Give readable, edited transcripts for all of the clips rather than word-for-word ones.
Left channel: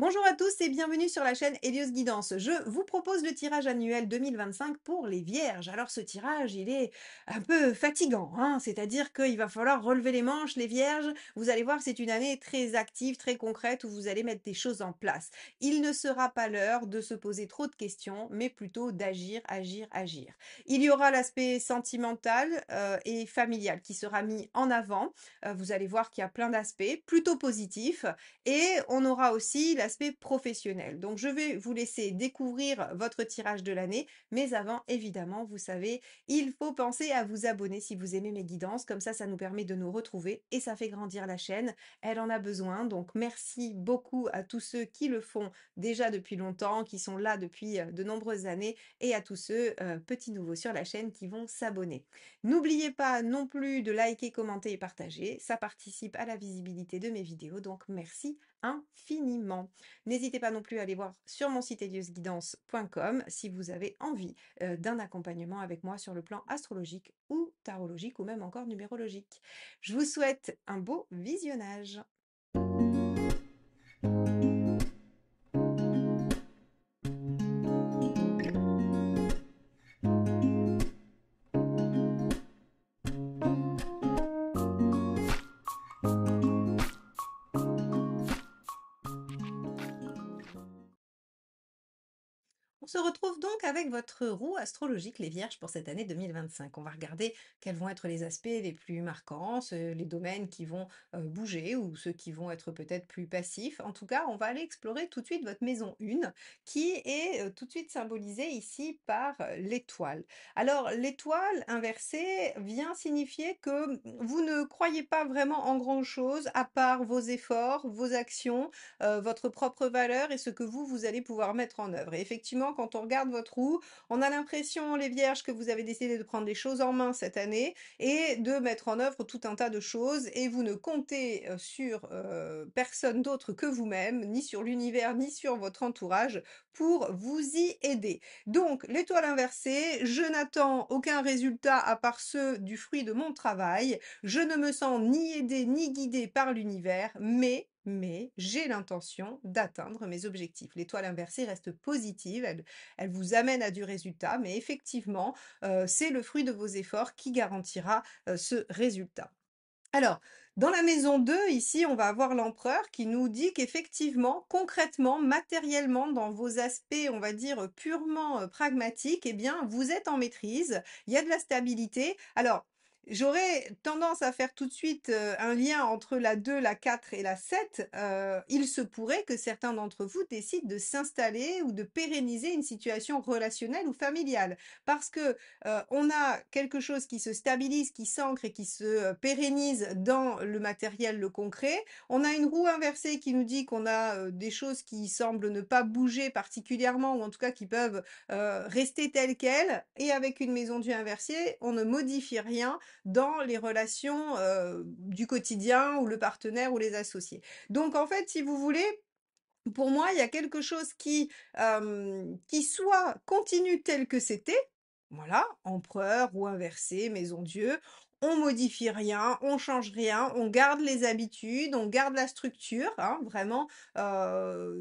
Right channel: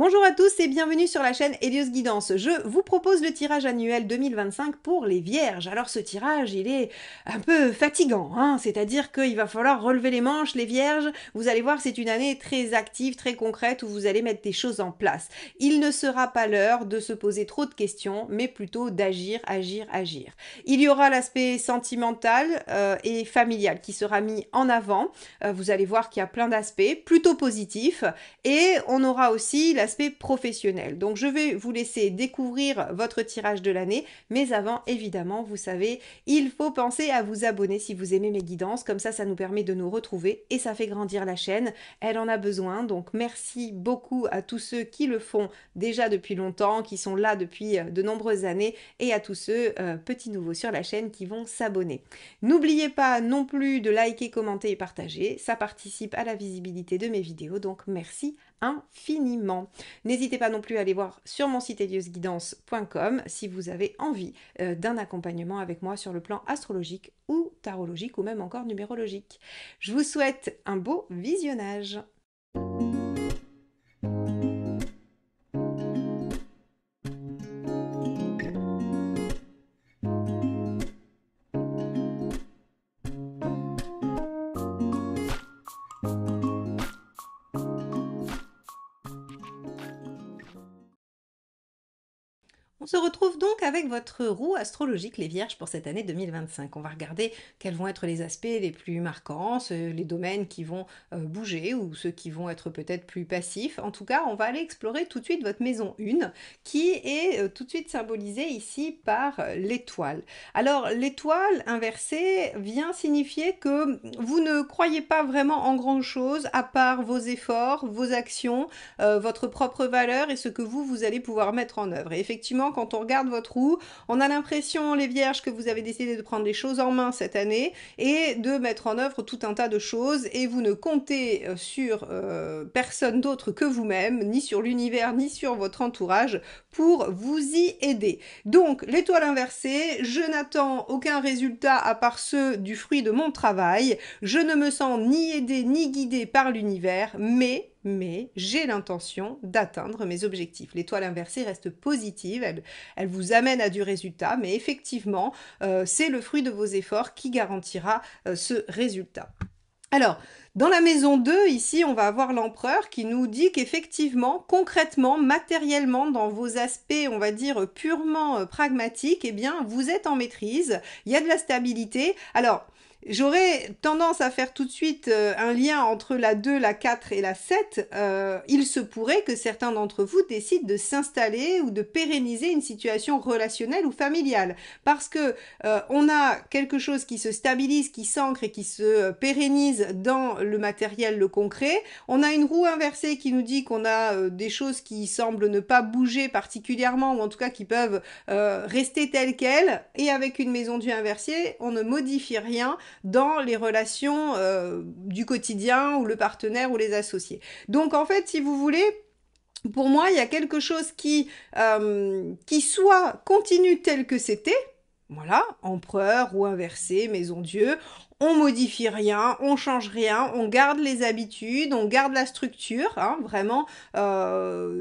Bonjour à tous et bienvenue sur la chaîne Hélios Guidance. Je vous propose le tirage annuel 2025 pour les Vierges. Alors ce tirage, il est un peu fatigant, hein, c'est-à-dire qu'il va falloir relever les manches, les Vierges. Vous allez voir, c'est une année très active, très concrète, où vous allez mettre des choses en place. Il ne sera pas l'heure de se poser trop de questions, mais plutôt d'agir, agir, agir. Il y aura l'aspect sentimental et familial qui sera mis en avant. Vous allez voir qu'il y a plein d'aspects plutôt positifs. Et on aura aussi l'aspect professionnel. Donc je vais vous laisser découvrir votre tirage de l'année, mais avant, évidemment, vous savez, il faut penser à vous abonner si vous aimez mes guidances, comme ça nous permet de nous retrouver et ça fait grandir la chaîne. Elle en a besoin, donc merci beaucoup à tous ceux qui le font déjà depuis longtemps, qui sont là depuis de nombreuses années, et à tous ceux, petits nouveaux sur la chaîne, qui vont s'abonner. N'oubliez pas non plus de liker, commenter et partager, ça participe à la visibilité de mes vidéos, donc merci infiniment. N'hésitez pas non plus à aller voir sur mon site heliosguidance.com si vous avez envie d'un accompagnement avec moi sur le plan astrologique ou tarologique ou même encore numérologique. Je vous souhaite un beau visionnage. On se retrouve donc avec votre roue astrologique les Vierges pour cette année 2025. On va regarder quels vont être les aspects les plus marquants, les domaines qui vont bouger ou ceux qui vont être peut-être plus passifs. En tout cas, on va aller explorer tout de suite votre maison 1 qui est tout de suite symbolisée ici par l'étoile. Alors l'étoile inversée vient signifier que vous ne croyez pas vraiment en grand-chose à part vos efforts, vos actions, votre propre valeur et ce que vous allez pouvoir mettre en œuvre. Et effectivement, quand on regarde votre roue, on a l'impression, les Vierges, que vous avez décidé de prendre les choses en main cette année et de mettre en œuvre tout un tas de choses et vous ne comptez sur personne d'autre que vous-même, ni sur l'univers, ni sur votre entourage pour vous y aider. Donc, l'étoile inversée, je n'attends aucun résultat à part ceux du fruit de mon travail. Je ne me sens ni aidée ni guidée par l'univers, mais j'ai l'intention d'atteindre mes objectifs. L'étoile inversée reste positive, elle vous amène à du résultat, mais effectivement, c'est le fruit de vos efforts qui garantira ce résultat. Alors, dans la maison 2, ici, on va avoir l'empereur qui nous dit qu'effectivement, concrètement, matériellement, dans vos aspects, on va dire, purement pragmatiques, eh bien, vous êtes en maîtrise, il y a de la stabilité. Alors, j'aurais tendance à faire tout de suite un lien entre la 2, la 4 et la 7. Il se pourrait que certains d'entre vous décident de s'installer ou de pérenniser une situation relationnelle ou familiale. Parce que on a quelque chose qui se stabilise, qui s'ancre et qui se pérennise dans le matériel, le concret. On a une roue inversée qui nous dit qu'on a des choses qui semblent ne pas bouger particulièrement ou en tout cas qui peuvent rester telles quelles. Et avec une maison Dieu inversée, on ne modifie rien dans les relations du quotidien ou le partenaire ou les associés. Donc en fait, si vous voulez, pour moi, il y a quelque chose qui soit continue tel que c'était, voilà, empereur ou inversé, maison Dieu, on modifie rien, on change rien, on garde les habitudes, on garde la structure, hein, vraiment.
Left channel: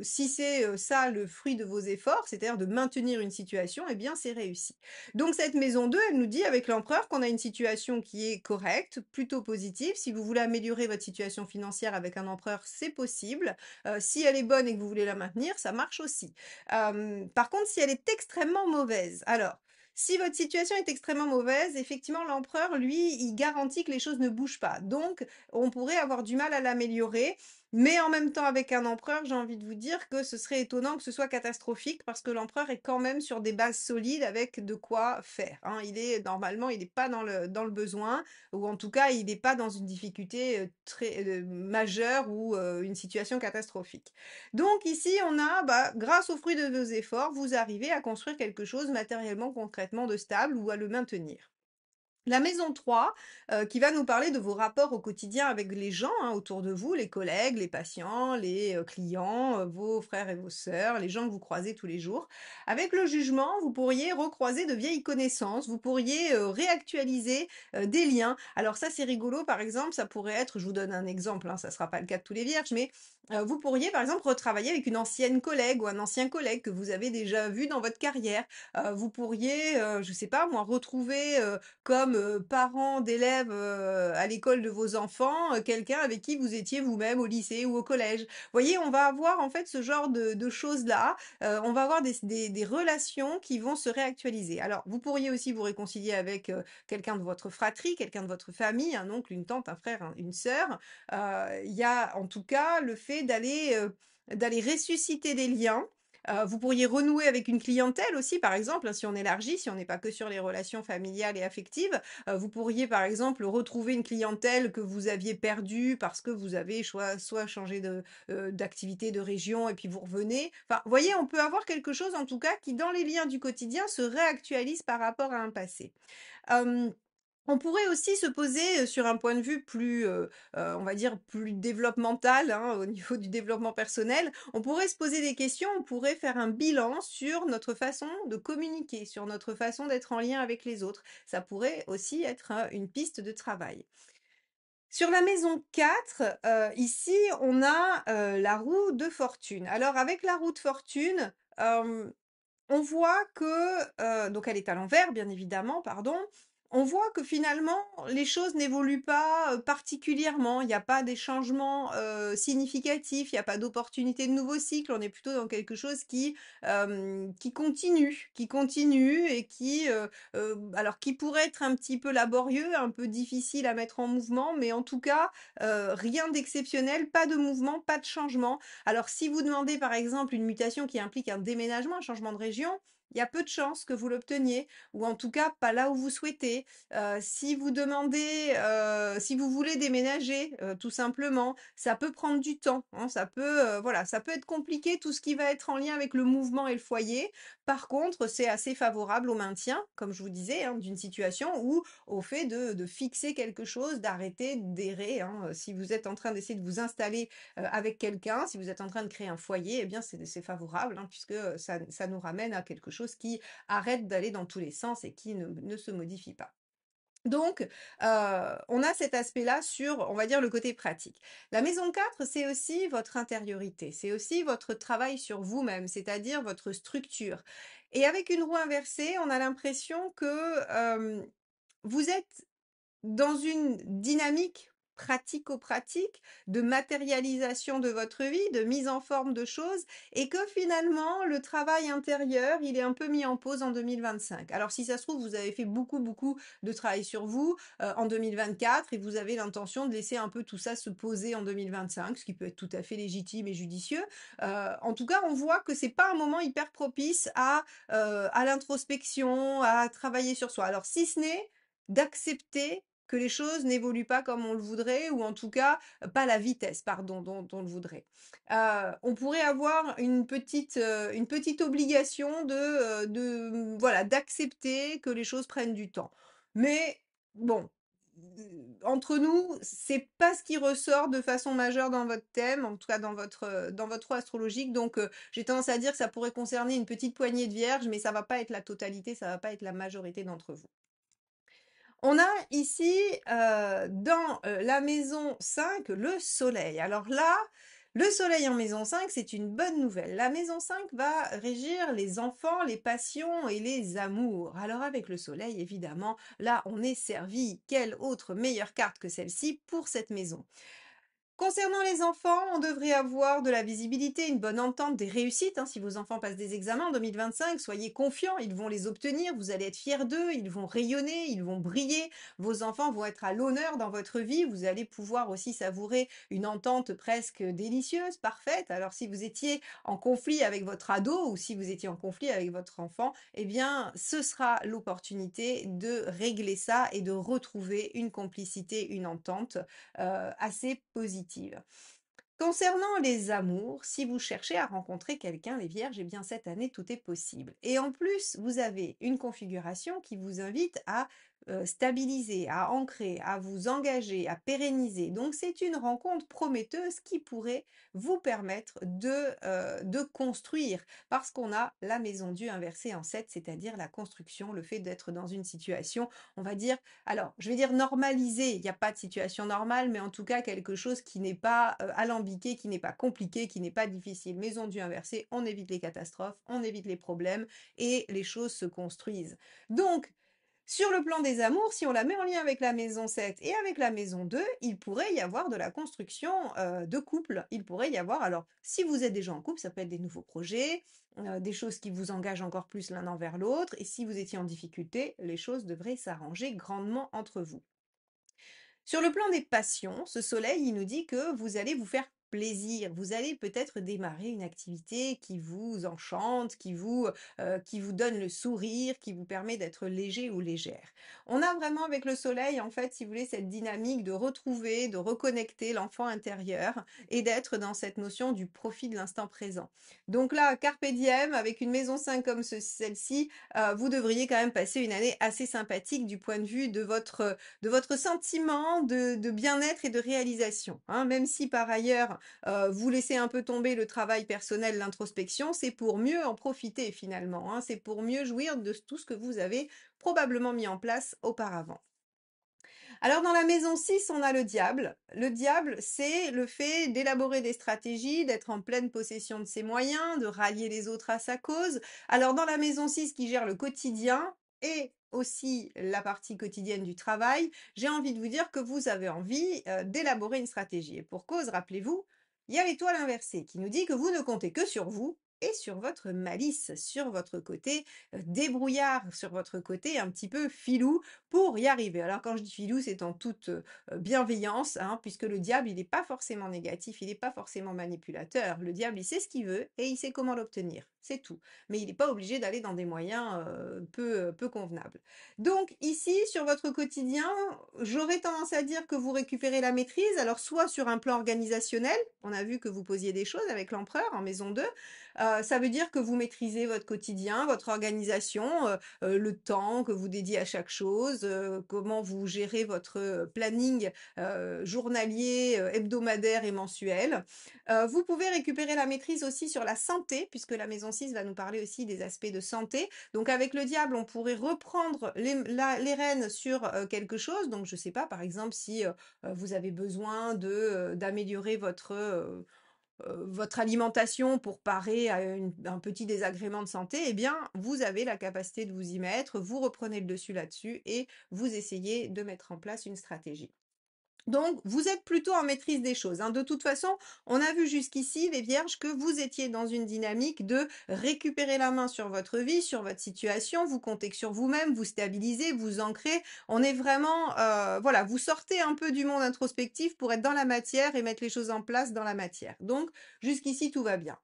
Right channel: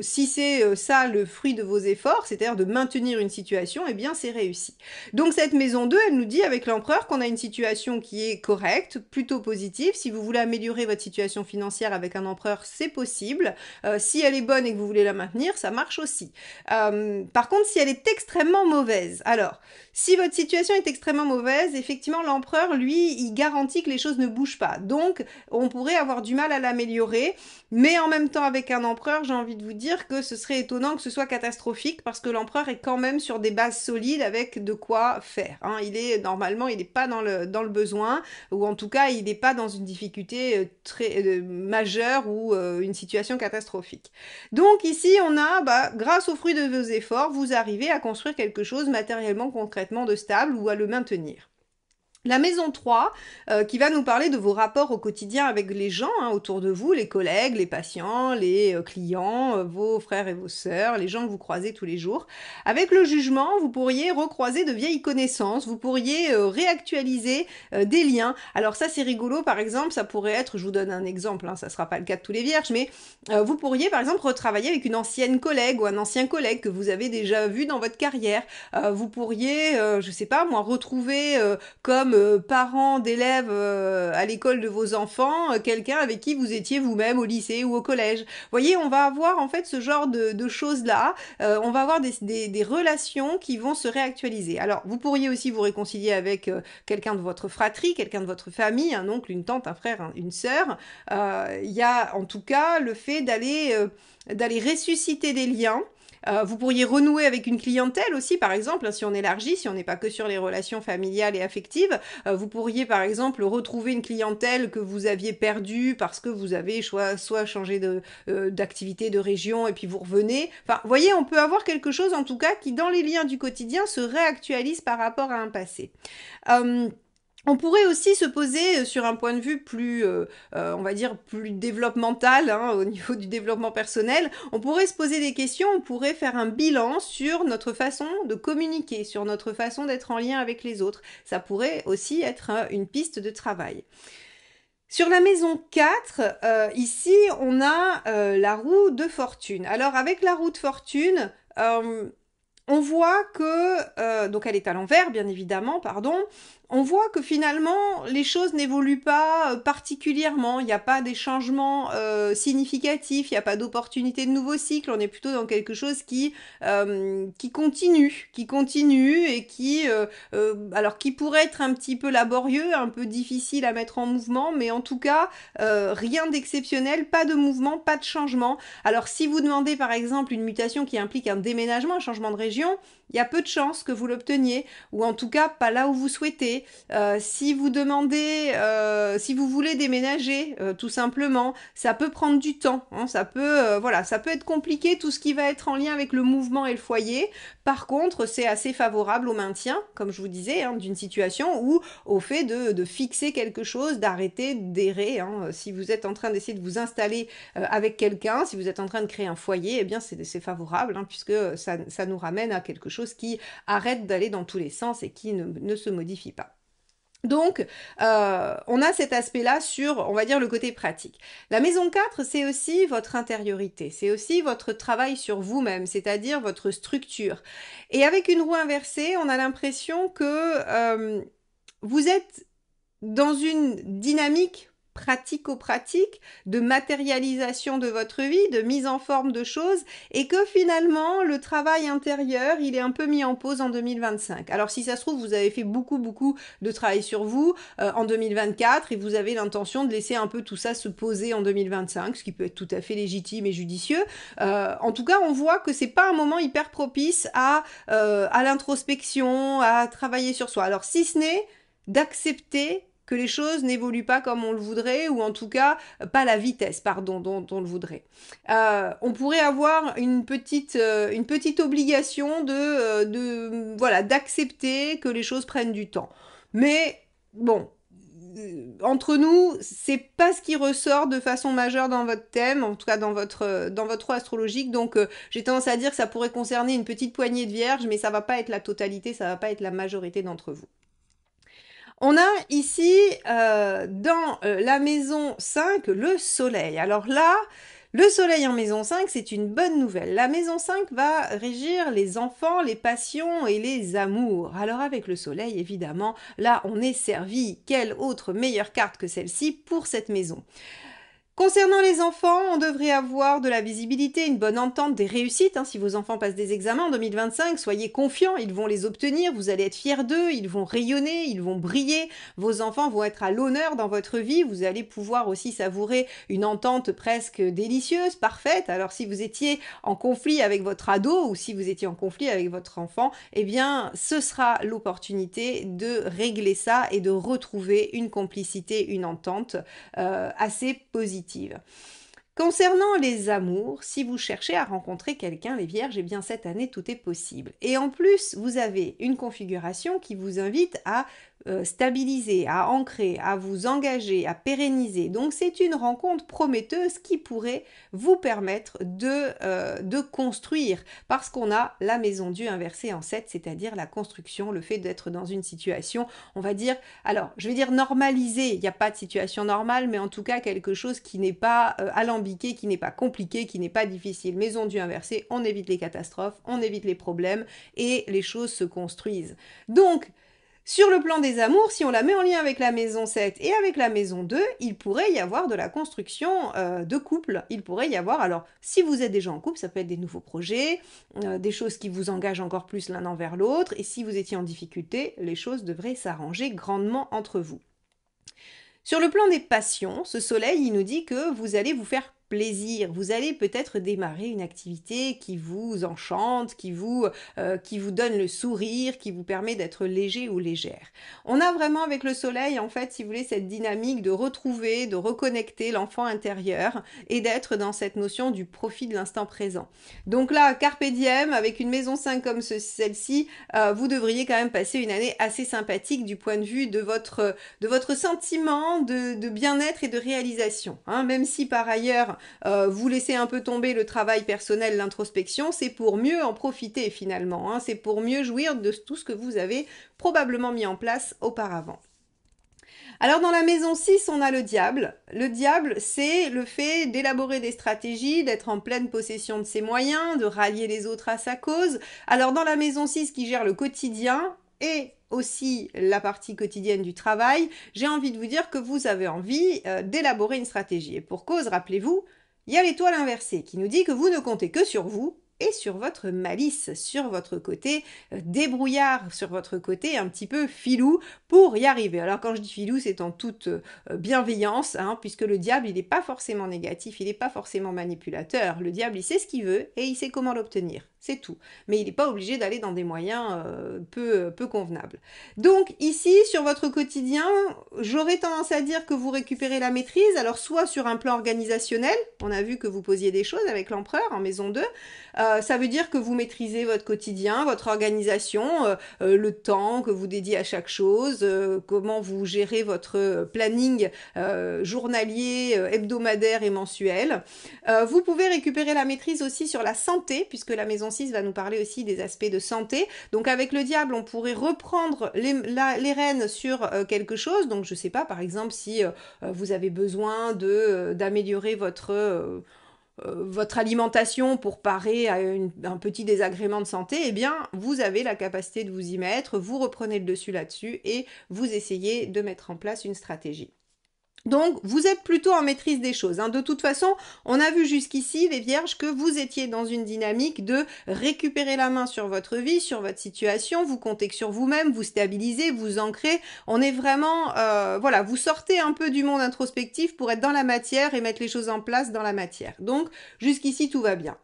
Si c'est ça le fruit de vos efforts, c'est-à-dire de maintenir une situation, eh bien c'est réussi. Donc cette maison 2, elle nous dit avec l'empereur qu'on a une situation qui est correcte, plutôt positive. Si vous voulez améliorer votre situation financière avec un empereur, c'est possible. Si elle est bonne et que vous voulez la maintenir, ça marche aussi. Par contre, si elle est extrêmement mauvaise, alors si votre situation est extrêmement mauvaise, effectivement, l'empereur, lui, il garantit que les choses ne bougent pas. Donc, on pourrait avoir du mal à l'améliorer. Mais en même temps, avec un empereur, j'ai envie de vous dire que ce serait étonnant que ce soit catastrophique parce que l'empereur est quand même sur des bases solides avec de quoi faire. Hein. Normalement, il n'est pas dans le besoin ou en tout cas, il n'est pas dans une difficulté très majeure ou une situation catastrophique. Donc ici, on a, grâce aux fruits de vos efforts, vous arrivez à construire quelque chose matériellement, concrètement de stable ou à le maintenir. La maison 3, qui va nous parler de vos rapports au quotidien avec les gens hein, autour de vous, les collègues, les patients, les clients, vos frères et vos sœurs, les gens que vous croisez tous les jours. Avec le jugement, vous pourriez recroiser de vieilles connaissances, vous pourriez réactualiser des liens. Alors ça c'est rigolo, par exemple, ça pourrait être, je vous donne un exemple, hein, ça ne sera pas le cas de tous les vierges, mais vous pourriez par exemple retravailler avec une ancienne collègue ou un ancien collègue que vous avez déjà vu dans votre carrière. Vous pourriez, je sais pas moi, retrouver comme parent d'élèves à l'école de vos enfants, quelqu'un avec qui vous étiez vous-même au lycée ou au collège. Vous voyez, on va avoir en fait ce genre de choses-là, on va avoir des relations qui vont se réactualiser. Alors, vous pourriez aussi vous réconcilier avec quelqu'un de votre fratrie, quelqu'un de votre famille, un oncle, une tante, un frère, une sœur. Il y a en tout cas le fait d'aller ressusciter des liens. Vous pourriez renouer avec une clientèle aussi, par exemple, hein, si on élargit, si on n'est pas que sur les relations familiales et affectives. Vous pourriez, par exemple, retrouver une clientèle que vous aviez perdue parce que vous avez soit changé d'activité, de région, et puis vous revenez. Enfin, vous voyez, on peut avoir quelque chose, en tout cas, qui, dans les liens du quotidien, se réactualise par rapport à un passé. Euh, on pourrait aussi se poser sur un point de vue plus, on va dire, plus développemental, hein, au niveau du développement personnel. On pourrait se poser des questions, on pourrait faire un bilan sur notre façon de communiquer, sur notre façon d'être en lien avec les autres. Ça pourrait aussi être une piste de travail. Sur la maison 4, ici, on a la roue de fortune. Alors, avec la roue de fortune, on voit que, donc elle est à l'envers, bien évidemment, pardon, on voit que finalement les choses n'évoluent pas particulièrement, il n'y a pas des changements significatifs, il n'y a pas d'opportunité de nouveau cycle, on est plutôt dans quelque chose qui continue et alors qui pourrait être un petit peu laborieux, un peu difficile à mettre en mouvement, mais en tout cas rien d'exceptionnel, pas de mouvement, pas de changement. Alors si vous demandez par exemple une mutation qui implique un déménagement, un changement de région, il y a peu de chances que vous l'obteniez, ou en tout cas pas là où vous souhaitez. Si vous demandez, si vous voulez déménager, tout simplement, ça peut prendre du temps. Hein, voilà, ça peut être compliqué tout ce qui va être en lien avec le mouvement et le foyer. Par contre, c'est assez favorable au maintien, comme je vous disais, hein, d'une situation ou au fait de fixer quelque chose, d'arrêter d'errer. Hein. Si vous êtes en train d'essayer de vous installer avec quelqu'un, si vous êtes en train de créer un foyer, eh bien c'est favorable hein, puisque ça nous ramène à quelque chose qui arrête d'aller dans tous les sens et qui ne se modifie pas. Donc, on a cet aspect-là sur, on va dire, le côté pratique. La maison 4, c'est aussi votre intériorité, c'est aussi votre travail sur vous-même, c'est-à-dire votre structure. Et avec une roue inversée, on a l'impression que vous êtes dans une dynamique pratico-pratique, de matérialisation de votre vie, de mise en forme de choses, et que finalement, le travail intérieur, il est un peu mis en pause en 2025. Alors si ça se trouve, vous avez fait beaucoup de travail sur vous en 2024, et vous avez l'intention de laisser un peu tout ça se poser en 2025, ce qui peut être tout à fait légitime et judicieux. En tout cas, on voit que c'est pas un moment hyper propice à l'introspection, à travailler sur soi. Alors si ce n'est d'accepter que les choses n'évoluent pas comme on le voudrait, ou en tout cas pas la vitesse, pardon, dont on le voudrait. On pourrait avoir une petite obligation voilà, d'accepter que les choses prennent du temps. Mais bon, entre nous, c'est pas ce qui ressort de façon majeure dans votre thème, en tout cas dans votre roue astrologique. Donc j'ai tendance à dire que ça pourrait concerner une petite poignée de vierges, mais ça va pas être la totalité, ça va pas être la majorité d'entre vous. On a ici dans la maison 5 le soleil. Alors là, le soleil en maison 5, c'est une bonne nouvelle. La maison 5 va régir les enfants, les passions et les amours. Alors avec le soleil, évidemment, là on est servi. Quelle autre meilleure carte que celle-ci pour cette maison? Concernant les enfants, on devrait avoir de la visibilité, une bonne entente, des réussites. Hein. Si vos enfants passent des examens en 2025, soyez confiants, ils vont les obtenir, vous allez être fiers d'eux, ils vont rayonner, ils vont briller, vos enfants vont être à l'honneur dans votre vie, vous allez pouvoir aussi savourer une entente presque délicieuse, parfaite. Alors si vous étiez en conflit avec votre ado ou si vous étiez en conflit avec votre enfant, eh bien ce sera l'opportunité de régler ça et de retrouver une complicité, une entente assez positive. Concernant les amours, si vous cherchez à rencontrer quelqu'un, les vierges, eh bien cette année tout est possible. Et en plus, vous avez une configuration qui vous invite à stabiliser, à ancrer, à vous engager, à pérenniser. Donc c'est une rencontre prometteuse qui pourrait vous permettre de construire, parce qu'on a la maison Dieu inversée en 7, c'est-à-dire la construction, le fait d'être dans une situation, on va dire, alors je vais dire normalisée, il n'y a pas de situation normale, mais en tout cas quelque chose qui n'est pas alambiqué, qui n'est pas compliqué, qui n'est pas difficile. Maison Dieu inversée, on évite les catastrophes, on évite les problèmes, et les choses se construisent. Donc, sur le plan des amours, si on la met en lien avec la maison 7 et avec la maison 2, il pourrait y avoir de la construction de couple. Il pourrait y avoir, alors si vous êtes déjà en couple, ça peut être des nouveaux projets, des choses qui vous engagent encore plus l'un envers l'autre, et si vous étiez en difficulté, les choses devraient s'arranger grandement entre vous. Sur le plan des passions, ce soleil, il nous dit que vous allez vous faire plaisir, vous allez peut-être démarrer une activité qui vous enchante, qui vous donne le sourire, qui vous permet d'être léger ou légère. On a vraiment avec le soleil, en fait, si vous voulez, cette dynamique de retrouver, de reconnecter l'enfant intérieur et d'être dans cette notion du profit de l'instant présent. Donc là, Carpe Diem, avec une maison 5 comme celle-ci, vous devriez quand même passer une année assez sympathique du point de vue de votre sentiment de bien-être et de réalisation. Hein. Même si par ailleurs vous laissez un peu tomber le travail personnel, l'introspection, c'est pour mieux en profiter finalement. Hein. C'est pour mieux jouir de tout ce que vous avez probablement mis en place auparavant. Alors dans la maison 6, on a le diable. Le diable, c'est le fait d'élaborer des stratégies, d'être en pleine possession de ses moyens, de rallier les autres à sa cause. Alors dans la maison 6 qui gère le quotidien et aussi la partie quotidienne du travail, j'ai envie de vous dire que vous avez envie d'élaborer une stratégie. Et pour cause, rappelez-vous, il y a l'étoile inversée qui nous dit que vous ne comptez que sur vous et sur votre malice, sur votre côté débrouillard, sur votre côté un petit peu filou pour y arriver. Alors quand je dis filou, c'est en toute bienveillance, hein, puisque le diable, il n'est pas forcément négatif, il n'est pas forcément manipulateur. Le diable, il sait ce qu'il veut et il sait comment l'obtenir. C'est tout. Mais il n'est pas obligé d'aller dans des moyens peu convenables. Donc ici, sur votre quotidien, j'aurais tendance à dire que vous récupérez la maîtrise. Alors soit sur un plan organisationnel, on a vu que vous posiez des choses avec l'empereur en maison 2, ça veut dire que vous maîtrisez votre quotidien, votre organisation, le temps que vous dédiez à chaque chose, comment vous gérez votre planning journalier, hebdomadaire et mensuel. Vous pouvez récupérer la maîtrise aussi sur la santé, puisque la maison 6 va nous parler aussi des aspects de santé. Donc avec le diable, on pourrait reprendre les rênes sur quelque chose. Donc je ne sais pas, par exemple, si vous avez besoin d'améliorer votre alimentation pour parer à un petit désagrément de santé, eh bien, vous avez la capacité de vous y mettre, vous reprenez le dessus là-dessus et vous essayez de mettre en place une stratégie. Donc, vous êtes plutôt en maîtrise des choses. Hein. De toute façon, on a vu jusqu'ici, les vierges, que vous étiez dans une dynamique de récupérer la main sur votre vie, sur votre situation, vous comptez que sur vous-même, vous stabilisez, vous ancrez. On est vraiment, voilà, vous sortez un peu du monde introspectif pour être dans la matière et mettre les choses en place dans la matière. Donc, jusqu'ici, tout va bien.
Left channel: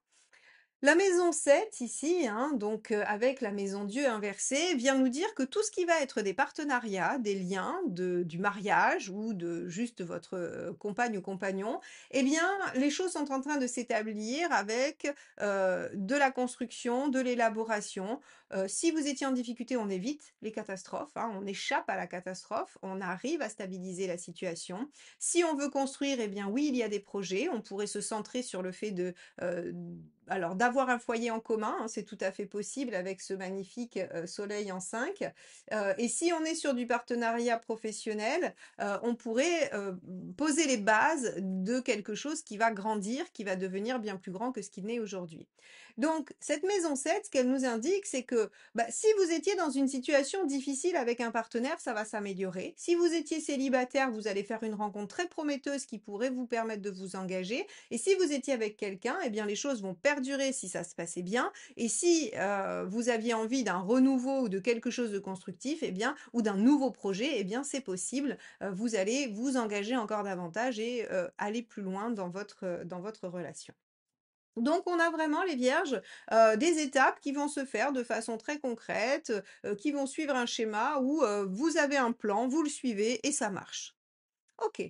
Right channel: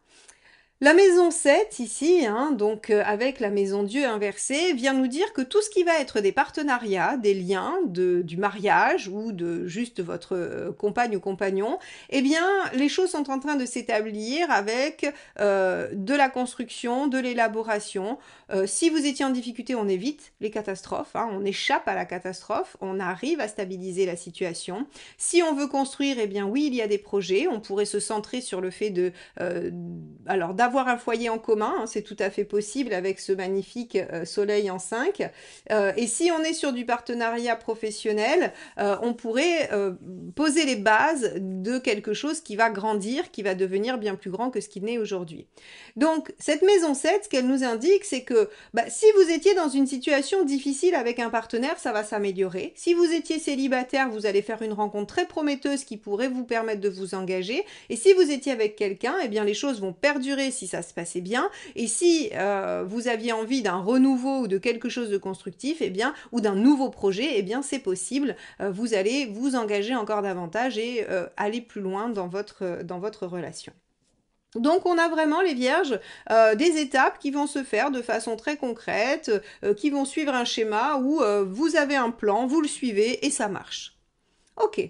La maison 7, ici, hein, donc avec la maison Dieu inversée, vient nous dire que tout ce qui va être des partenariats, des liens, du mariage ou de juste votre compagne ou compagnon, eh bien, les choses sont en train de s'établir avec de la construction, de l'élaboration. Si vous étiez en difficulté, on évite les catastrophes, hein, on échappe à la catastrophe, on arrive à stabiliser la situation. Si on veut construire, eh bien oui, il y a des projets, on pourrait se centrer sur le fait alors d'avoir un foyer en commun, hein, c'est tout à fait possible avec ce magnifique soleil en 5. Et si on est sur du partenariat professionnel, on pourrait poser les bases de quelque chose qui va grandir, qui va devenir bien plus grand que ce qu'il n'est aujourd'hui. Donc cette maison 7, ce qu'elle nous indique, c'est que si vous étiez dans une situation difficile avec un partenaire, ça va s'améliorer. Si vous étiez célibataire, vous allez faire une rencontre très prometteuse qui pourrait vous permettre de vous engager. Et si vous étiez avec quelqu'un, eh bien les choses vont perdurer si ça se passait bien. Et si vous aviez envie d'un renouveau ou de quelque chose de constructif, eh bien, ou d'un nouveau projet, eh bien c'est possible. Vous allez vous engager encore davantage et aller plus loin dans votre relation. Donc on a vraiment les vierges des étapes qui vont se faire de façon très concrète, qui vont suivre un schéma où vous avez un plan, vous le suivez et ça marche. Ok.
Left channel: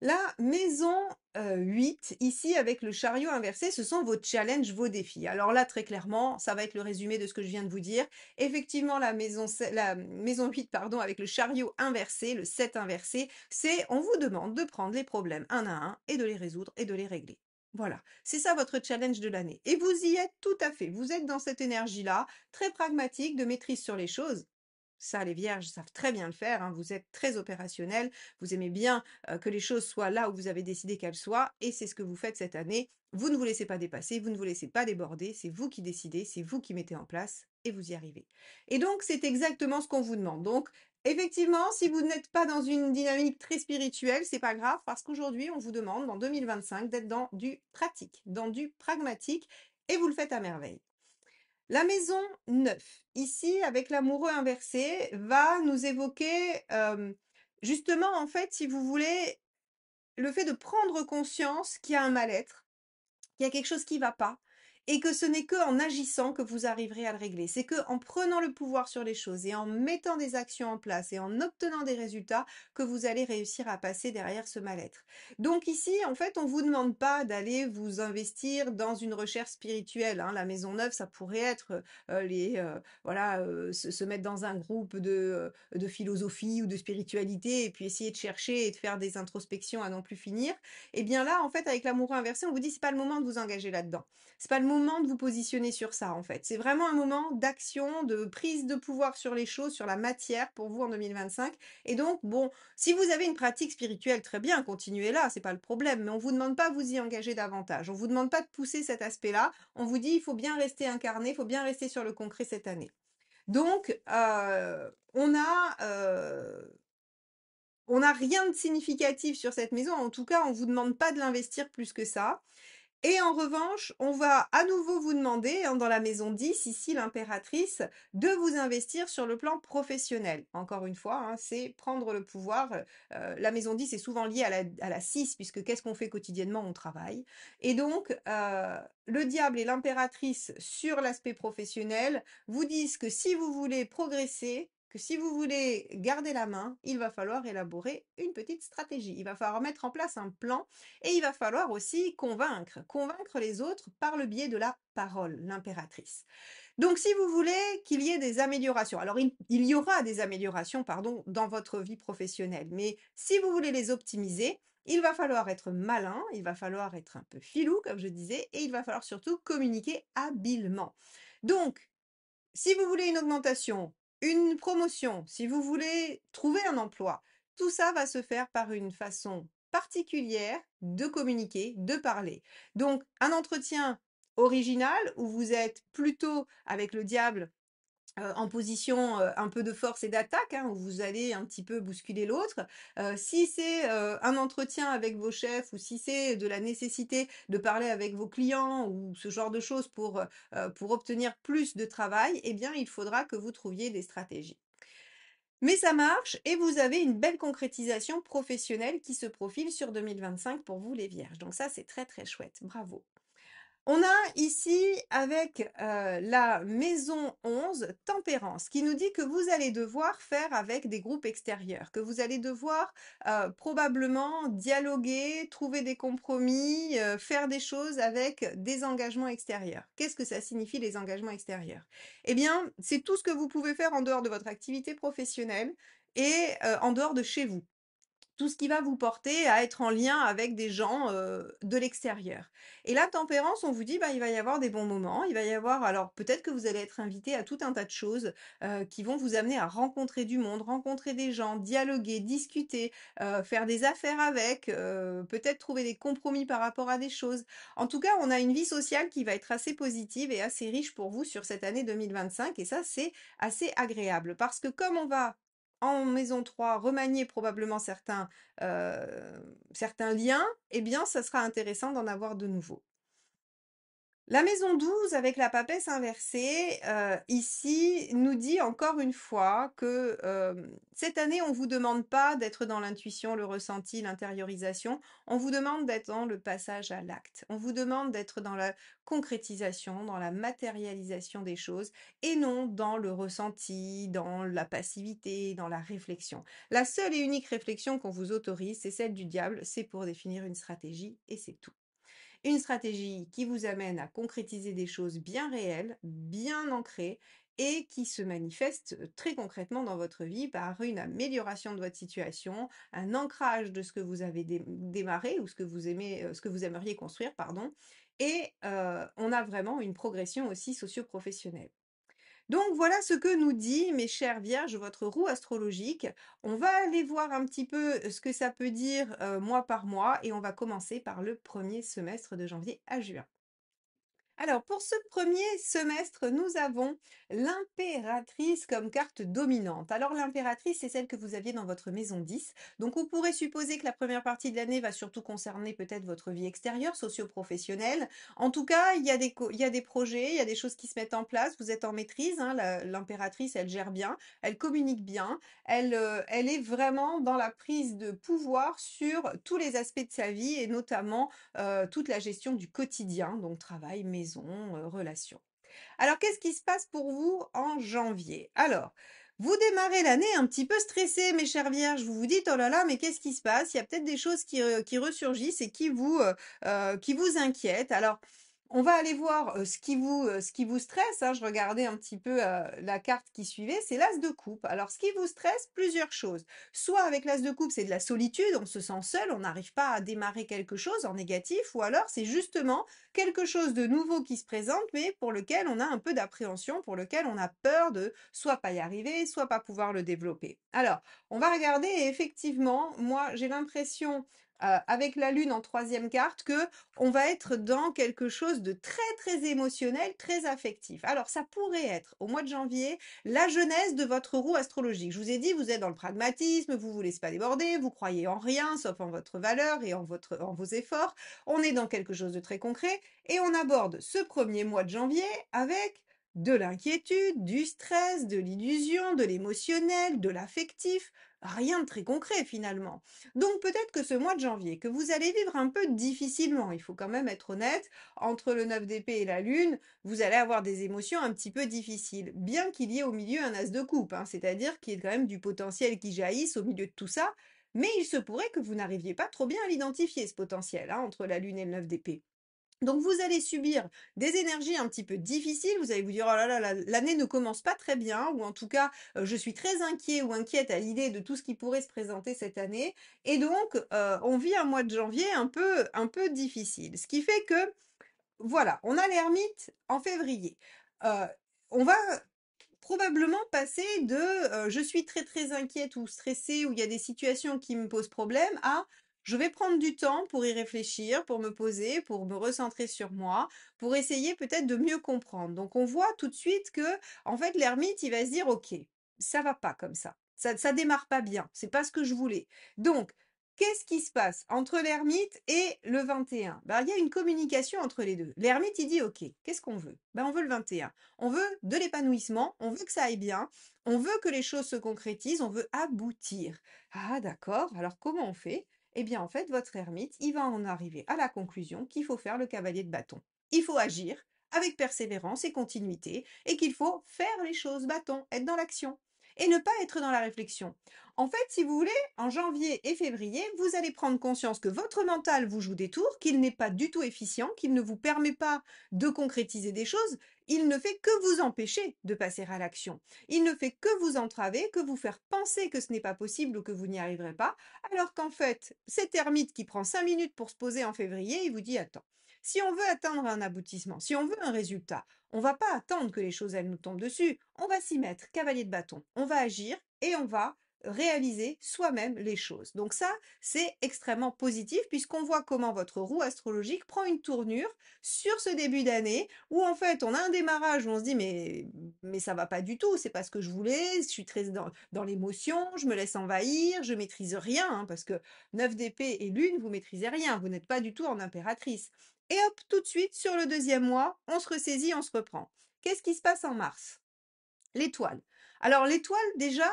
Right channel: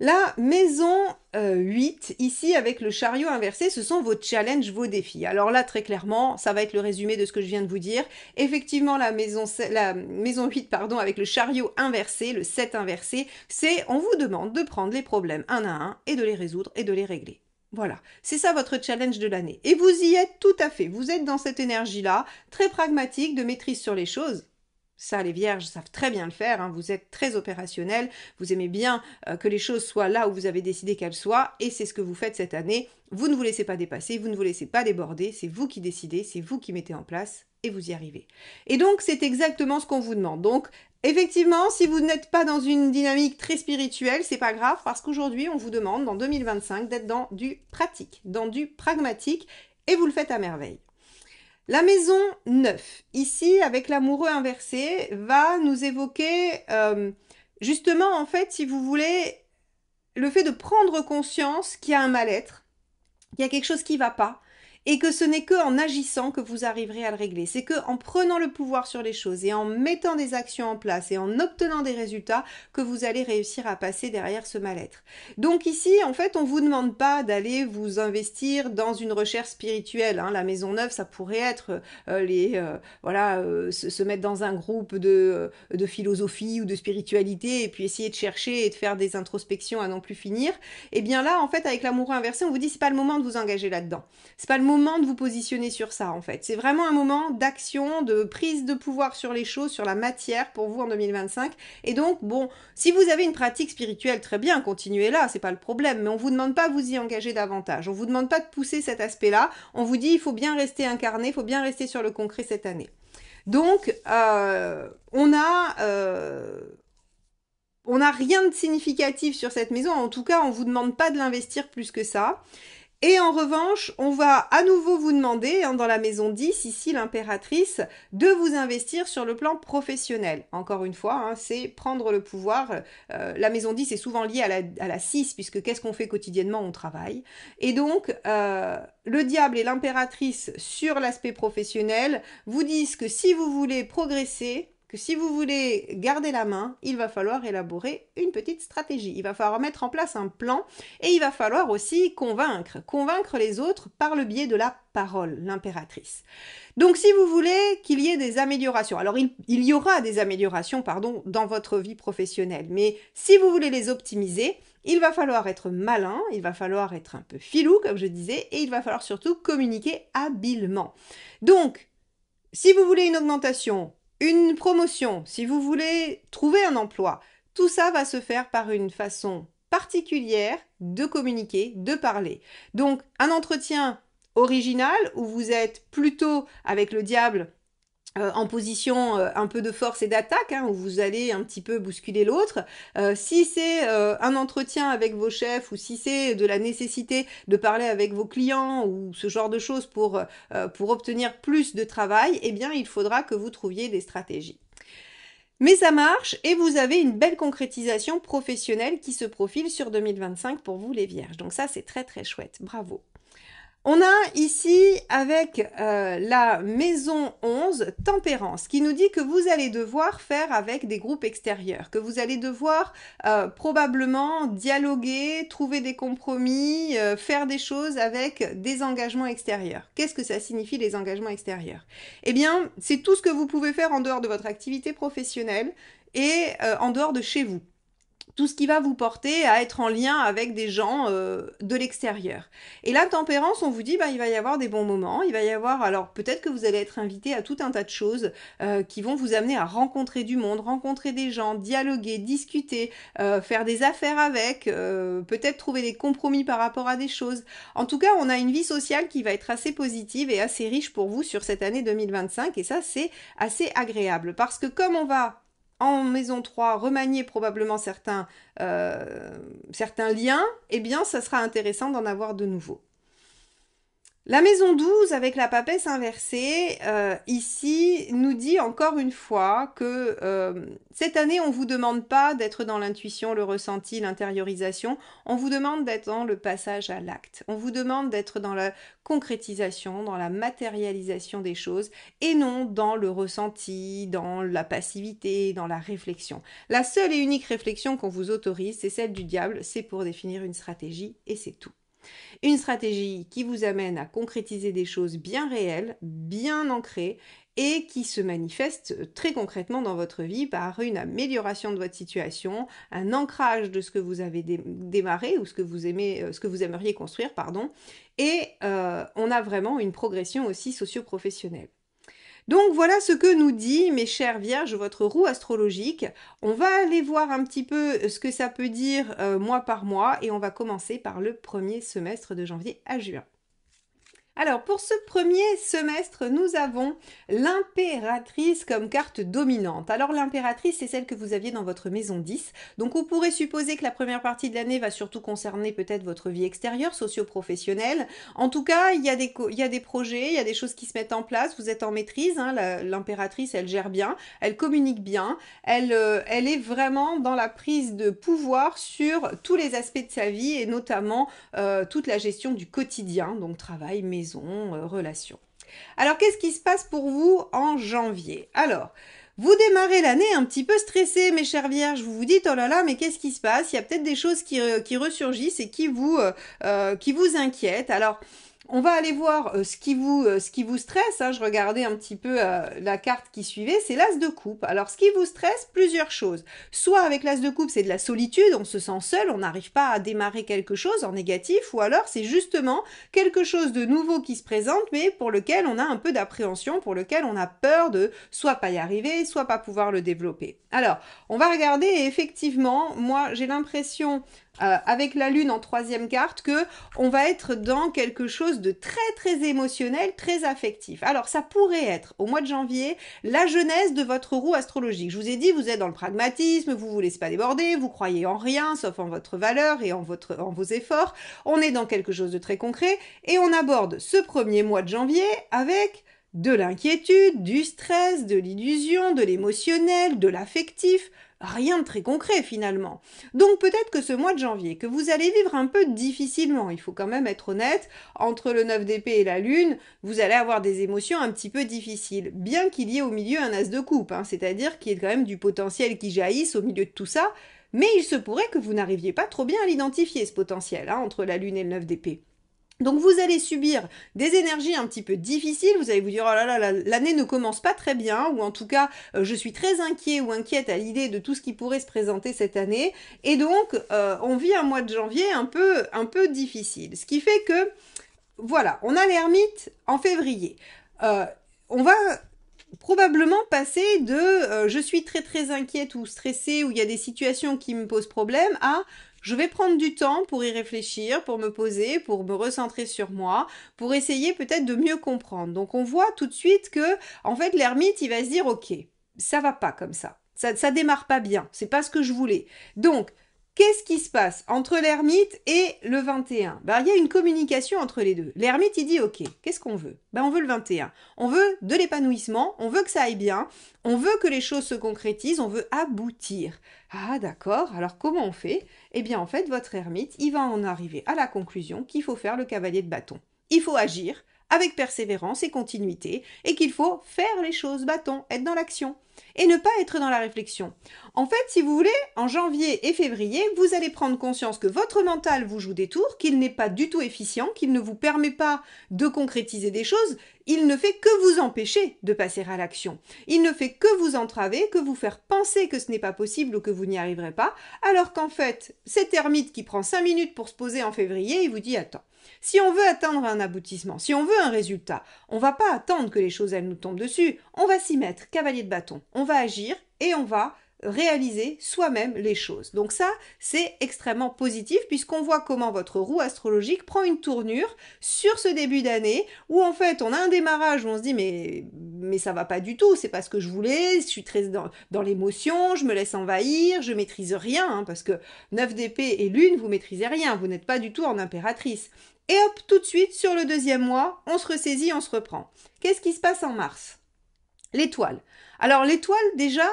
La maison 8, ici avec le chariot inversé, ce sont vos challenges, vos défis. Alors là, très clairement, ça va être le résumé de ce que je viens de vous dire. Effectivement, la maison 8, pardon, avec le chariot inversé, le 7 inversé, c'est on vous demande de prendre les problèmes un à un et de les résoudre et de les régler. Voilà, c'est ça votre challenge de l'année. Et vous y êtes tout à fait. Vous êtes dans cette énergie-là, très pragmatique, de maîtrise sur les choses. Ça, les vierges savent très bien le faire, hein. Vous êtes très opérationnel, vous aimez bien que les choses soient là où vous avez décidé qu'elles soient, et c'est ce que vous faites cette année. Vous ne vous laissez pas dépasser, vous ne vous laissez pas déborder, c'est vous qui décidez, c'est vous qui mettez en place, et vous y arrivez. Et donc, c'est exactement ce qu'on vous demande. Donc, effectivement, si vous n'êtes pas dans une dynamique très spirituelle, c'est pas grave, parce qu'aujourd'hui, on vous demande, dans 2025, d'être dans du pratique, dans du pragmatique, et vous le faites à merveille. La maison 9, ici avec l'amoureux inversé, va nous évoquer justement en fait, si vous voulez, le fait de prendre conscience qu'il y a un mal-être, qu'il y a quelque chose qui ne va pas, et que ce n'est qu'en agissant que vous arriverez à le régler. C'est qu'en prenant le pouvoir sur les choses et en mettant des actions en place et en obtenant des résultats que vous allez réussir à passer derrière ce mal-être. Donc ici, en fait, on ne vous demande pas d'aller vous investir dans une recherche spirituelle, hein. La maison neuve, ça pourrait être se mettre dans un groupe de philosophie ou de spiritualité et puis essayer de chercher et de faire des introspections à n'en plus finir. Et bien là, en fait, avec l'amoureux inversé, on vous dit c'est pas le moment de vous engager là-dedans. C'est pas le moment de vous positionner sur ça, en fait. C'est vraiment un moment d'action, de prise de pouvoir sur les choses, sur la matière pour vous en 2025. Et donc, bon, si vous avez une pratique spirituelle, très bien, continuez là, c'est pas le problème. Mais on vous demande pas de vous y engager davantage. On vous demande pas de pousser cet aspect-là. On vous dit il faut bien rester incarné, il faut bien rester sur le concret cette année. Donc, on n'a rien de significatif sur cette maison. En tout cas, on ne vous demande pas de l'investir plus que ça. Et en revanche, on va à nouveau vous demander, hein, dans la maison 10, ici l'impératrice, de vous investir sur le plan professionnel. Encore une fois, hein, c'est prendre le pouvoir. La maison 10 est souvent liée à la 6, puisque qu'est-ce qu'on fait quotidiennement? On travaille. Et donc, le diable et l'impératrice sur l'aspect professionnel vous disent que si vous voulez progresser, que si vous voulez garder la main, il va falloir élaborer une petite stratégie. Il va falloir mettre en place un plan et il va falloir aussi convaincre les autres par le biais de la parole, l'impératrice. Donc si vous voulez qu'il y ait des améliorations, alors il y aura des améliorations, pardon, dans votre vie professionnelle, mais si vous voulez les optimiser, il va falloir être malin, il va falloir être un peu filou, comme je disais, et il va falloir surtout communiquer habilement. Donc, si vous voulez une augmentation, une promotion, si vous voulez trouver un emploi, tout ça va se faire par une façon particulière de communiquer, de parler. Donc un entretien original où vous êtes plutôt avec le diable en position un peu de force et d'attaque, hein, où vous allez un petit peu bousculer l'autre. Si c'est un entretien avec vos chefs ou si c'est de la nécessité de parler avec vos clients ou ce genre de choses pour obtenir plus de travail, eh bien il faudra que vous trouviez des stratégies. Mais ça marche et vous avez une belle concrétisation professionnelle qui se profile sur 2025 pour vous les vierges. Donc ça c'est très très chouette, bravo. On a ici avec la maison 11, tempérance, qui nous dit que vous allez devoir faire avec des groupes extérieurs, que vous allez devoir probablement dialoguer, trouver des compromis, faire des choses avec des engagements extérieurs. Qu'est-ce que ça signifie les engagements extérieurs? Eh bien, c'est tout ce que vous pouvez faire en dehors de votre activité professionnelle et en dehors de chez vous. Tout ce qui va vous porter à être en lien avec des gens de l'extérieur. Et la tempérance, on vous dit, bah, il va y avoir des bons moments, il va y avoir, alors peut-être que vous allez être invité à tout un tas de choses qui vont vous amener à rencontrer du monde, rencontrer des gens, dialoguer, discuter, faire des affaires avec, peut-être trouver des compromis par rapport à des choses. En tout cas, on a une vie sociale qui va être assez positive et assez riche pour vous sur cette année 2025 et ça, c'est assez agréable parce que comme on va en maison 3, remanier probablement certains liens, eh bien, ça sera intéressant d'en avoir de nouveaux. La maison 12 avec la papesse inversée, ici, nous dit encore une fois que cette année, on ne vous demande pas d'être dans l'intuition, le ressenti, l'intériorisation, on vous demande d'être dans le passage à l'acte, on vous demande d'être dans la concrétisation, dans la matérialisation des choses, et non dans le ressenti, dans la passivité, dans la réflexion. La seule et unique réflexion qu'on vous autorise, c'est celle du diable, c'est pour définir une stratégie, et c'est tout. Une stratégie qui vous amène à concrétiser des choses bien réelles, bien ancrées et qui se manifeste très concrètement dans votre vie par une amélioration de votre situation, un ancrage de ce que vous avez démarré ou ce que vous aimez, ce que vous aimeriez construire, pardon, et on a vraiment une progression aussi socio-professionnelle. Donc voilà ce que nous dit, mes chères vierges, votre roue astrologique. On va aller voir un petit peu ce que ça peut dire mois par mois et on va commencer par le premier semestre de janvier à juin. Alors, pour ce premier semestre, nous avons l'impératrice comme carte dominante. Alors, l'impératrice, c'est celle que vous aviez dans votre maison 10. Donc, on pourrait supposer que la première partie de l'année va surtout concerner peut-être votre vie extérieure, socio-professionnelle. En tout cas, il y a des projets, il y a des choses qui se mettent en place. Vous êtes en maîtrise. Hein, l'impératrice, elle gère bien, elle communique bien. Elle est vraiment dans la prise de pouvoir sur tous les aspects de sa vie et notamment toute la gestion du quotidien, donc travail, maison, relations. Alors, qu'est-ce qui se passe pour vous en janvier? Alors, vous démarrez l'année un petit peu stressé, mes chères vierges. Vous vous dites, oh là là, mais qu'est-ce qui se passe? Il y a peut-être des choses qui ressurgissent et qui vous inquiètent. Alors, on va aller voir ce qui vous stresse. Hein. Je regardais un petit peu la carte qui suivait, c'est l'as de coupe. Alors, ce qui vous stresse, plusieurs choses. Soit avec l'as de coupe, c'est de la solitude, on se sent seul, on n'arrive pas à démarrer quelque chose en négatif, ou alors c'est justement quelque chose de nouveau qui se présente, mais pour lequel on a un peu d'appréhension, pour lequel on a peur de soit pas y arriver, soit pas pouvoir le développer. Alors, on va regarder et effectivement, moi j'ai l'impression avec la lune en troisième carte que on va être dans quelque chose de très très émotionnel, très affectif. Alors ça pourrait être au mois de janvier la jeunesse de votre roue astrologique. Je vous ai dit, vous êtes dans le pragmatisme, vous vous laissez pas déborder, vous croyez en rien sauf en votre valeur et en vos efforts. On est dans quelque chose de très concret et on aborde ce premier mois de janvier avec de l'inquiétude, du stress, de l'illusion, de l'émotionnel, de l'affectif. Rien de très concret finalement. Donc peut-être que ce mois de janvier, que vous allez vivre un peu difficilement, il faut quand même être honnête, entre le 9 d'épée et la lune, vous allez avoir des émotions un petit peu difficiles, bien qu'il y ait au milieu un as de coupe, hein, c'est-à-dire qu'il y ait quand même du potentiel qui jaillisse au milieu de tout ça, mais il se pourrait que vous n'arriviez pas trop bien à l'identifier, ce potentiel, hein, entre la lune et le 9 d'épée. Donc vous allez subir des énergies un petit peu difficiles, vous allez vous dire oh là là, l'année ne commence pas très bien, ou en tout cas je suis très inquiet ou inquiète à l'idée de tout ce qui pourrait se présenter cette année, et donc on vit un mois de janvier un peu difficile. Ce qui fait que, voilà, on a l'ermite en février. On va probablement passer de je suis très très inquiète ou stressée, ou il y a des situations qui me posent problème, à je vais prendre du temps pour y réfléchir, pour me poser, pour me recentrer sur moi, pour essayer peut-être de mieux comprendre. Donc on voit tout de suite que, en fait, l'ermite, il va se dire, ok, ça va pas comme ça. Ça démarre pas bien. C'est pas ce que je voulais. Donc, qu'est-ce qui se passe entre l'ermite et le 21? Ben, il y a une communication entre les deux. L'ermite, il dit, ok, qu'est-ce qu'on veut? Ben, on veut le 21. On veut de l'épanouissement, on veut que ça aille bien, on veut que les choses se concrétisent, on veut aboutir. Ah d'accord, alors comment on fait? Eh bien en fait, votre ermite, il va en arriver à la conclusion qu'il faut faire le cavalier de bâton. Il faut agir avec persévérance et continuité, et qu'il faut faire les choses bâton, être dans l'action, et ne pas être dans la réflexion. En fait, si vous voulez, en janvier et février, vous allez prendre conscience que votre mental vous joue des tours, qu'il n'est pas du tout efficient, qu'il ne vous permet pas de concrétiser des choses, il ne fait que vous empêcher de passer à l'action. Il ne fait que vous entraver, que vous faire penser que ce n'est pas possible ou que vous n'y arriverez pas, alors qu'en fait, cet ermite qui prend 5 minutes pour se poser en février, il vous dit attends, si on veut atteindre un aboutissement, si on veut un résultat, on ne va pas attendre que les choses elles nous tombent dessus, on va s'y mettre, cavalier de bâton, on va agir et on va réaliser soi-même les choses. Donc ça, c'est extrêmement positif puisqu'on voit comment votre roue astrologique prend une tournure sur ce début d'année où en fait on a un démarrage où on se dit mais ça va pas du tout, c'est pas ce que je voulais, je suis très dans l'émotion, je me laisse envahir, je maîtrise rien, hein, parce que 9 d'épée et lune, vous maîtrisez rien, vous n'êtes pas du tout en impératrice. Et hop, tout de suite, sur le deuxième mois, on se ressaisit, on se reprend. Qu'est-ce qui se passe en mars? L'étoile. Alors l'étoile, déjà,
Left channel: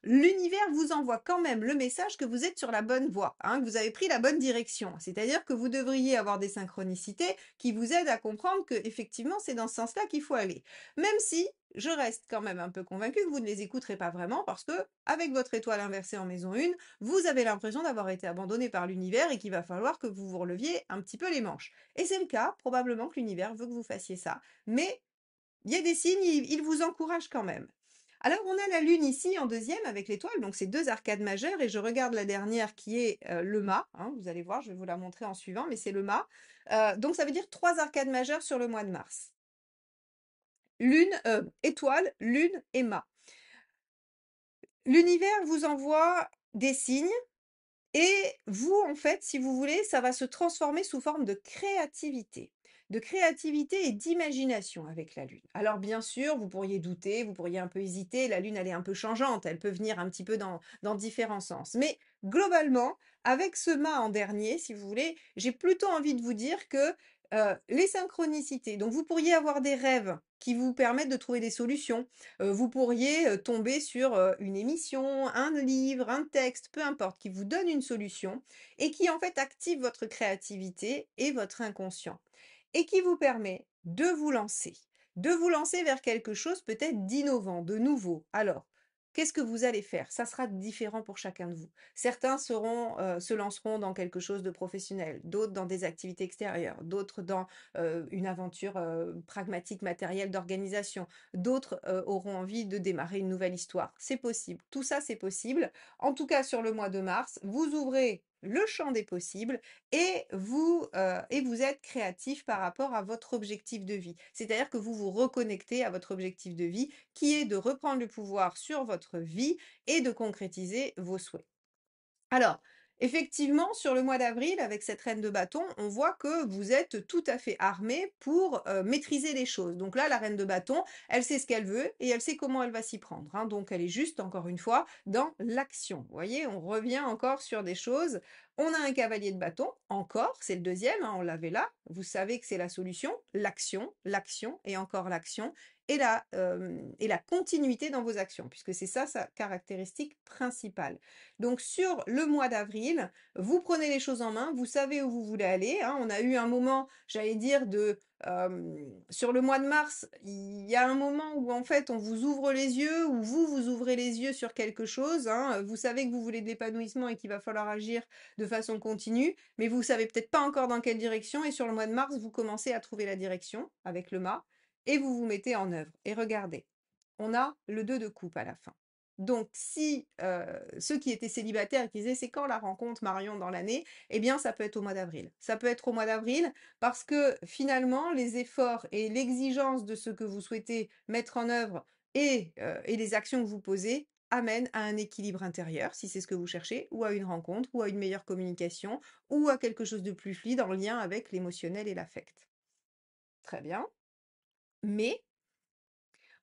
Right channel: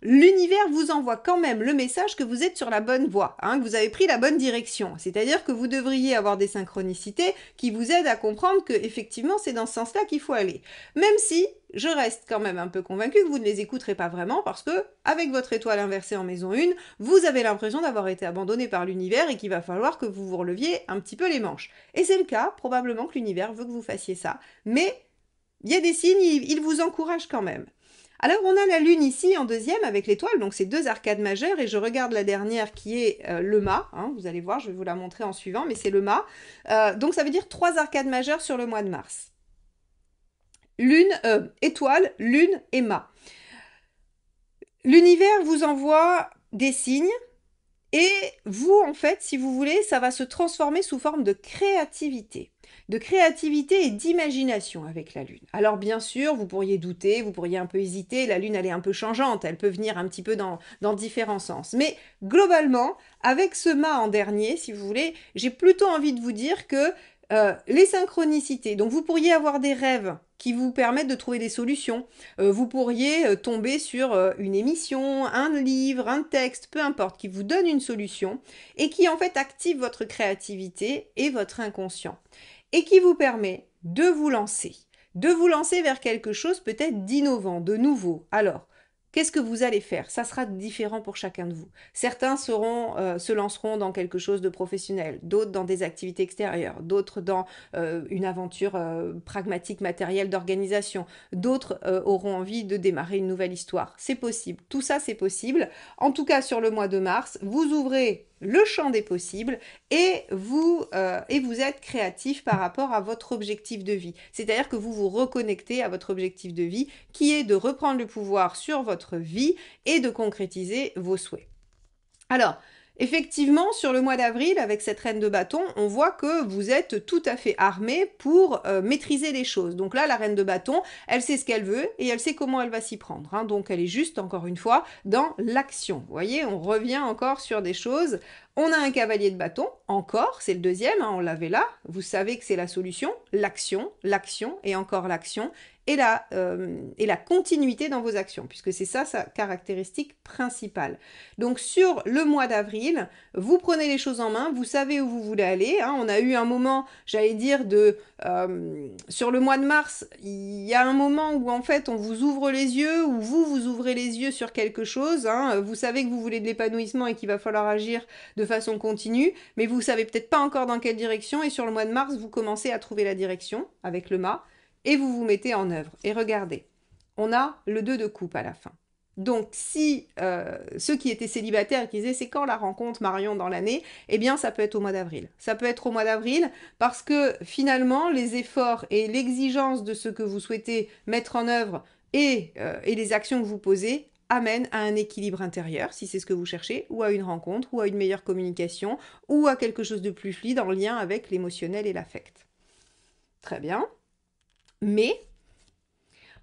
l'univers vous envoie quand même le message que vous êtes sur la bonne voie, hein, que vous avez pris la bonne direction. C'est-à-dire que vous devriez avoir des synchronicités qui vous aident à comprendre que effectivement c'est dans ce sens-là qu'il faut aller. Même si je reste quand même un peu convaincue que vous ne les écouterez pas vraiment parce que avec votre étoile inversée en maison 1, vous avez l'impression d'avoir été abandonné par l'univers et qu'il va falloir que vous vous releviez un petit peu les manches. Et c'est le cas, probablement que l'univers veut que vous fassiez ça, mais il y a des signes, il vous encourage quand même. Alors on a la lune ici en deuxième avec l'étoile, donc c'est deux arcades majeures et je regarde la dernière qui est le mât, hein, vous allez voir, je vais vous la montrer en suivant, mais c'est le mât. Donc ça veut dire trois arcades majeures sur le mois de mars. Lune, étoile, lune et mât. L'univers vous envoie des signes et vous, en fait, si vous voulez, ça va se transformer sous forme de créativité et d'imagination avec la Lune. Alors bien sûr, vous pourriez douter, vous pourriez un peu hésiter, la Lune elle est un peu changeante, elle peut venir un petit peu dans différents sens. Mais globalement, avec ce mât en dernier, si vous voulez, j'ai plutôt envie de vous dire que les synchronicités, donc vous pourriez avoir des rêves qui vous permettent de trouver des solutions. Vous pourriez tomber sur une émission, un livre, un texte, peu importe, qui vous donne une solution et qui en fait active votre créativité et votre inconscient et qui vous permet de vous lancer vers quelque chose peut-être d'innovant, de nouveau. Alors, qu'est-ce que vous allez faire? Ça sera différent pour chacun de vous. Certains se lanceront dans quelque chose de professionnel, d'autres dans des activités extérieures, d'autres dans une aventure pragmatique, matérielle d'organisation, d'autres auront envie de démarrer une nouvelle histoire. C'est possible, tout ça c'est possible. En tout cas, sur le mois de mars, vous ouvrez le champ des possibles et vous êtes créatif par rapport à votre objectif de vie. C'est-à-dire que vous vous reconnectez à votre objectif de vie qui est de reprendre le pouvoir sur votre vie et de concrétiser vos souhaits. Alors, effectivement, sur le mois d'avril, avec cette reine de bâton, on voit que vous êtes tout à fait armé pour maîtriser les choses. Donc là, la reine de bâton, elle sait ce qu'elle veut et elle sait comment elle va s'y prendre, hein. Donc elle est juste, encore une fois, dans l'action. Vous voyez, on revient encore sur des choses. On a un cavalier de bâton, encore, c'est le deuxième, hein, on l'avait là. Vous savez que c'est la solution, l'action et encore l'action. Et la continuité dans vos actions, puisque c'est ça sa caractéristique principale. Donc sur le mois d'avril, vous prenez les choses en main, vous savez où vous voulez aller, hein. On a eu un moment, j'allais dire, sur le mois de mars, il y a un moment où en fait on vous ouvre les yeux, où vous ouvrez les yeux sur quelque chose, hein. Vous savez que vous voulez de l'épanouissement et qu'il va falloir agir de façon continue, mais vous savez peut-être pas encore dans quelle direction, et sur le mois de mars, vous commencez à trouver la direction avec le mât, et vous vous mettez en œuvre. Et regardez, on a le 2 de coupe à la fin. Donc si ceux qui étaient célibataires et qui disaient c'est quand la rencontre Marion dans l'année, eh bien ça peut être au mois d'avril. Ça peut être au mois d'avril parce que finalement les efforts et l'exigence de ce que vous souhaitez mettre en œuvre et les actions que vous posez amènent à un équilibre intérieur, si c'est ce que vous cherchez, ou à une rencontre, ou à une meilleure communication, ou à quelque chose de plus fluide en lien avec l'émotionnel et l'affect. Très bien. Mais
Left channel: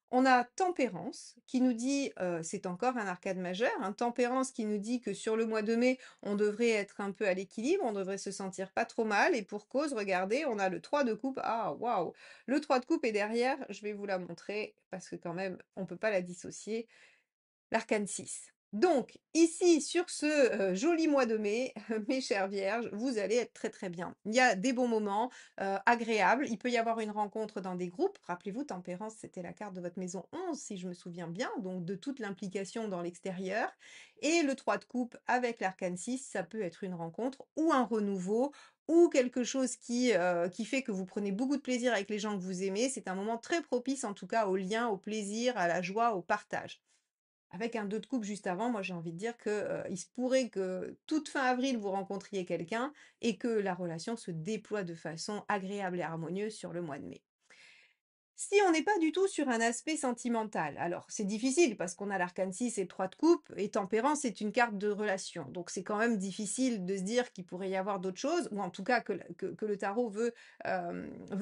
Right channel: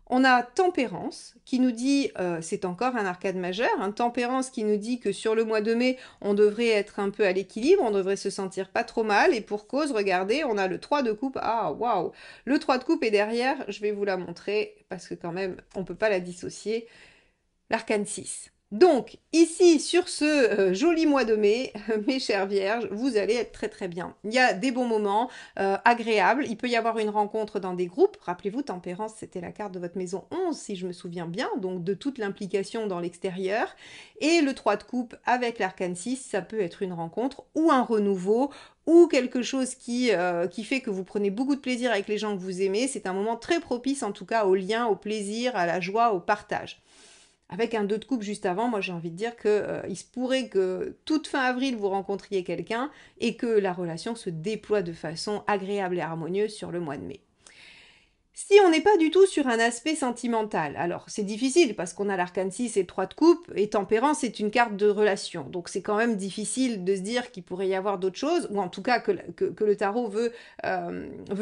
on a Tempérance qui nous dit, c'est encore un arcade majeur, hein, Tempérance qui nous dit que sur le mois de mai, on devrait être un peu à l'équilibre, on devrait se sentir pas trop mal, et pour cause, regardez, on a le 3 de coupe, ah waouh, le 3 de coupe est derrière, je vais vous la montrer, parce que quand même, on ne peut pas la dissocier, l'arcane 6. Donc, ici, sur ce joli mois de mai, mes chères vierges, vous allez être très très bien. Il y a des bons moments agréables. Il peut y avoir une rencontre dans des groupes. Rappelez-vous, Tempérance, c'était la carte de votre maison 11, si je me souviens bien, donc de toute l'implication dans l'extérieur. Et le 3 de coupe avec l'arcane 6, ça peut être une rencontre ou un renouveau ou quelque chose qui fait que vous prenez beaucoup de plaisir avec les gens que vous aimez. C'est un moment très propice en tout cas au lien, au plaisir, à la joie, au partage. Avec un 2 de coupe juste avant, moi j'ai envie de dire il se pourrait que toute fin avril vous rencontriez quelqu'un et que la relation se déploie de façon agréable et harmonieuse sur le mois de mai. Si on n'est pas du tout sur un aspect sentimental, alors c'est difficile parce qu'on a l'arcane 6 et 3 de coupe, et Tempérance c'est une carte de relation, donc c'est quand même difficile de se dire qu'il pourrait y avoir d'autres choses, ou en tout cas que le tarot veut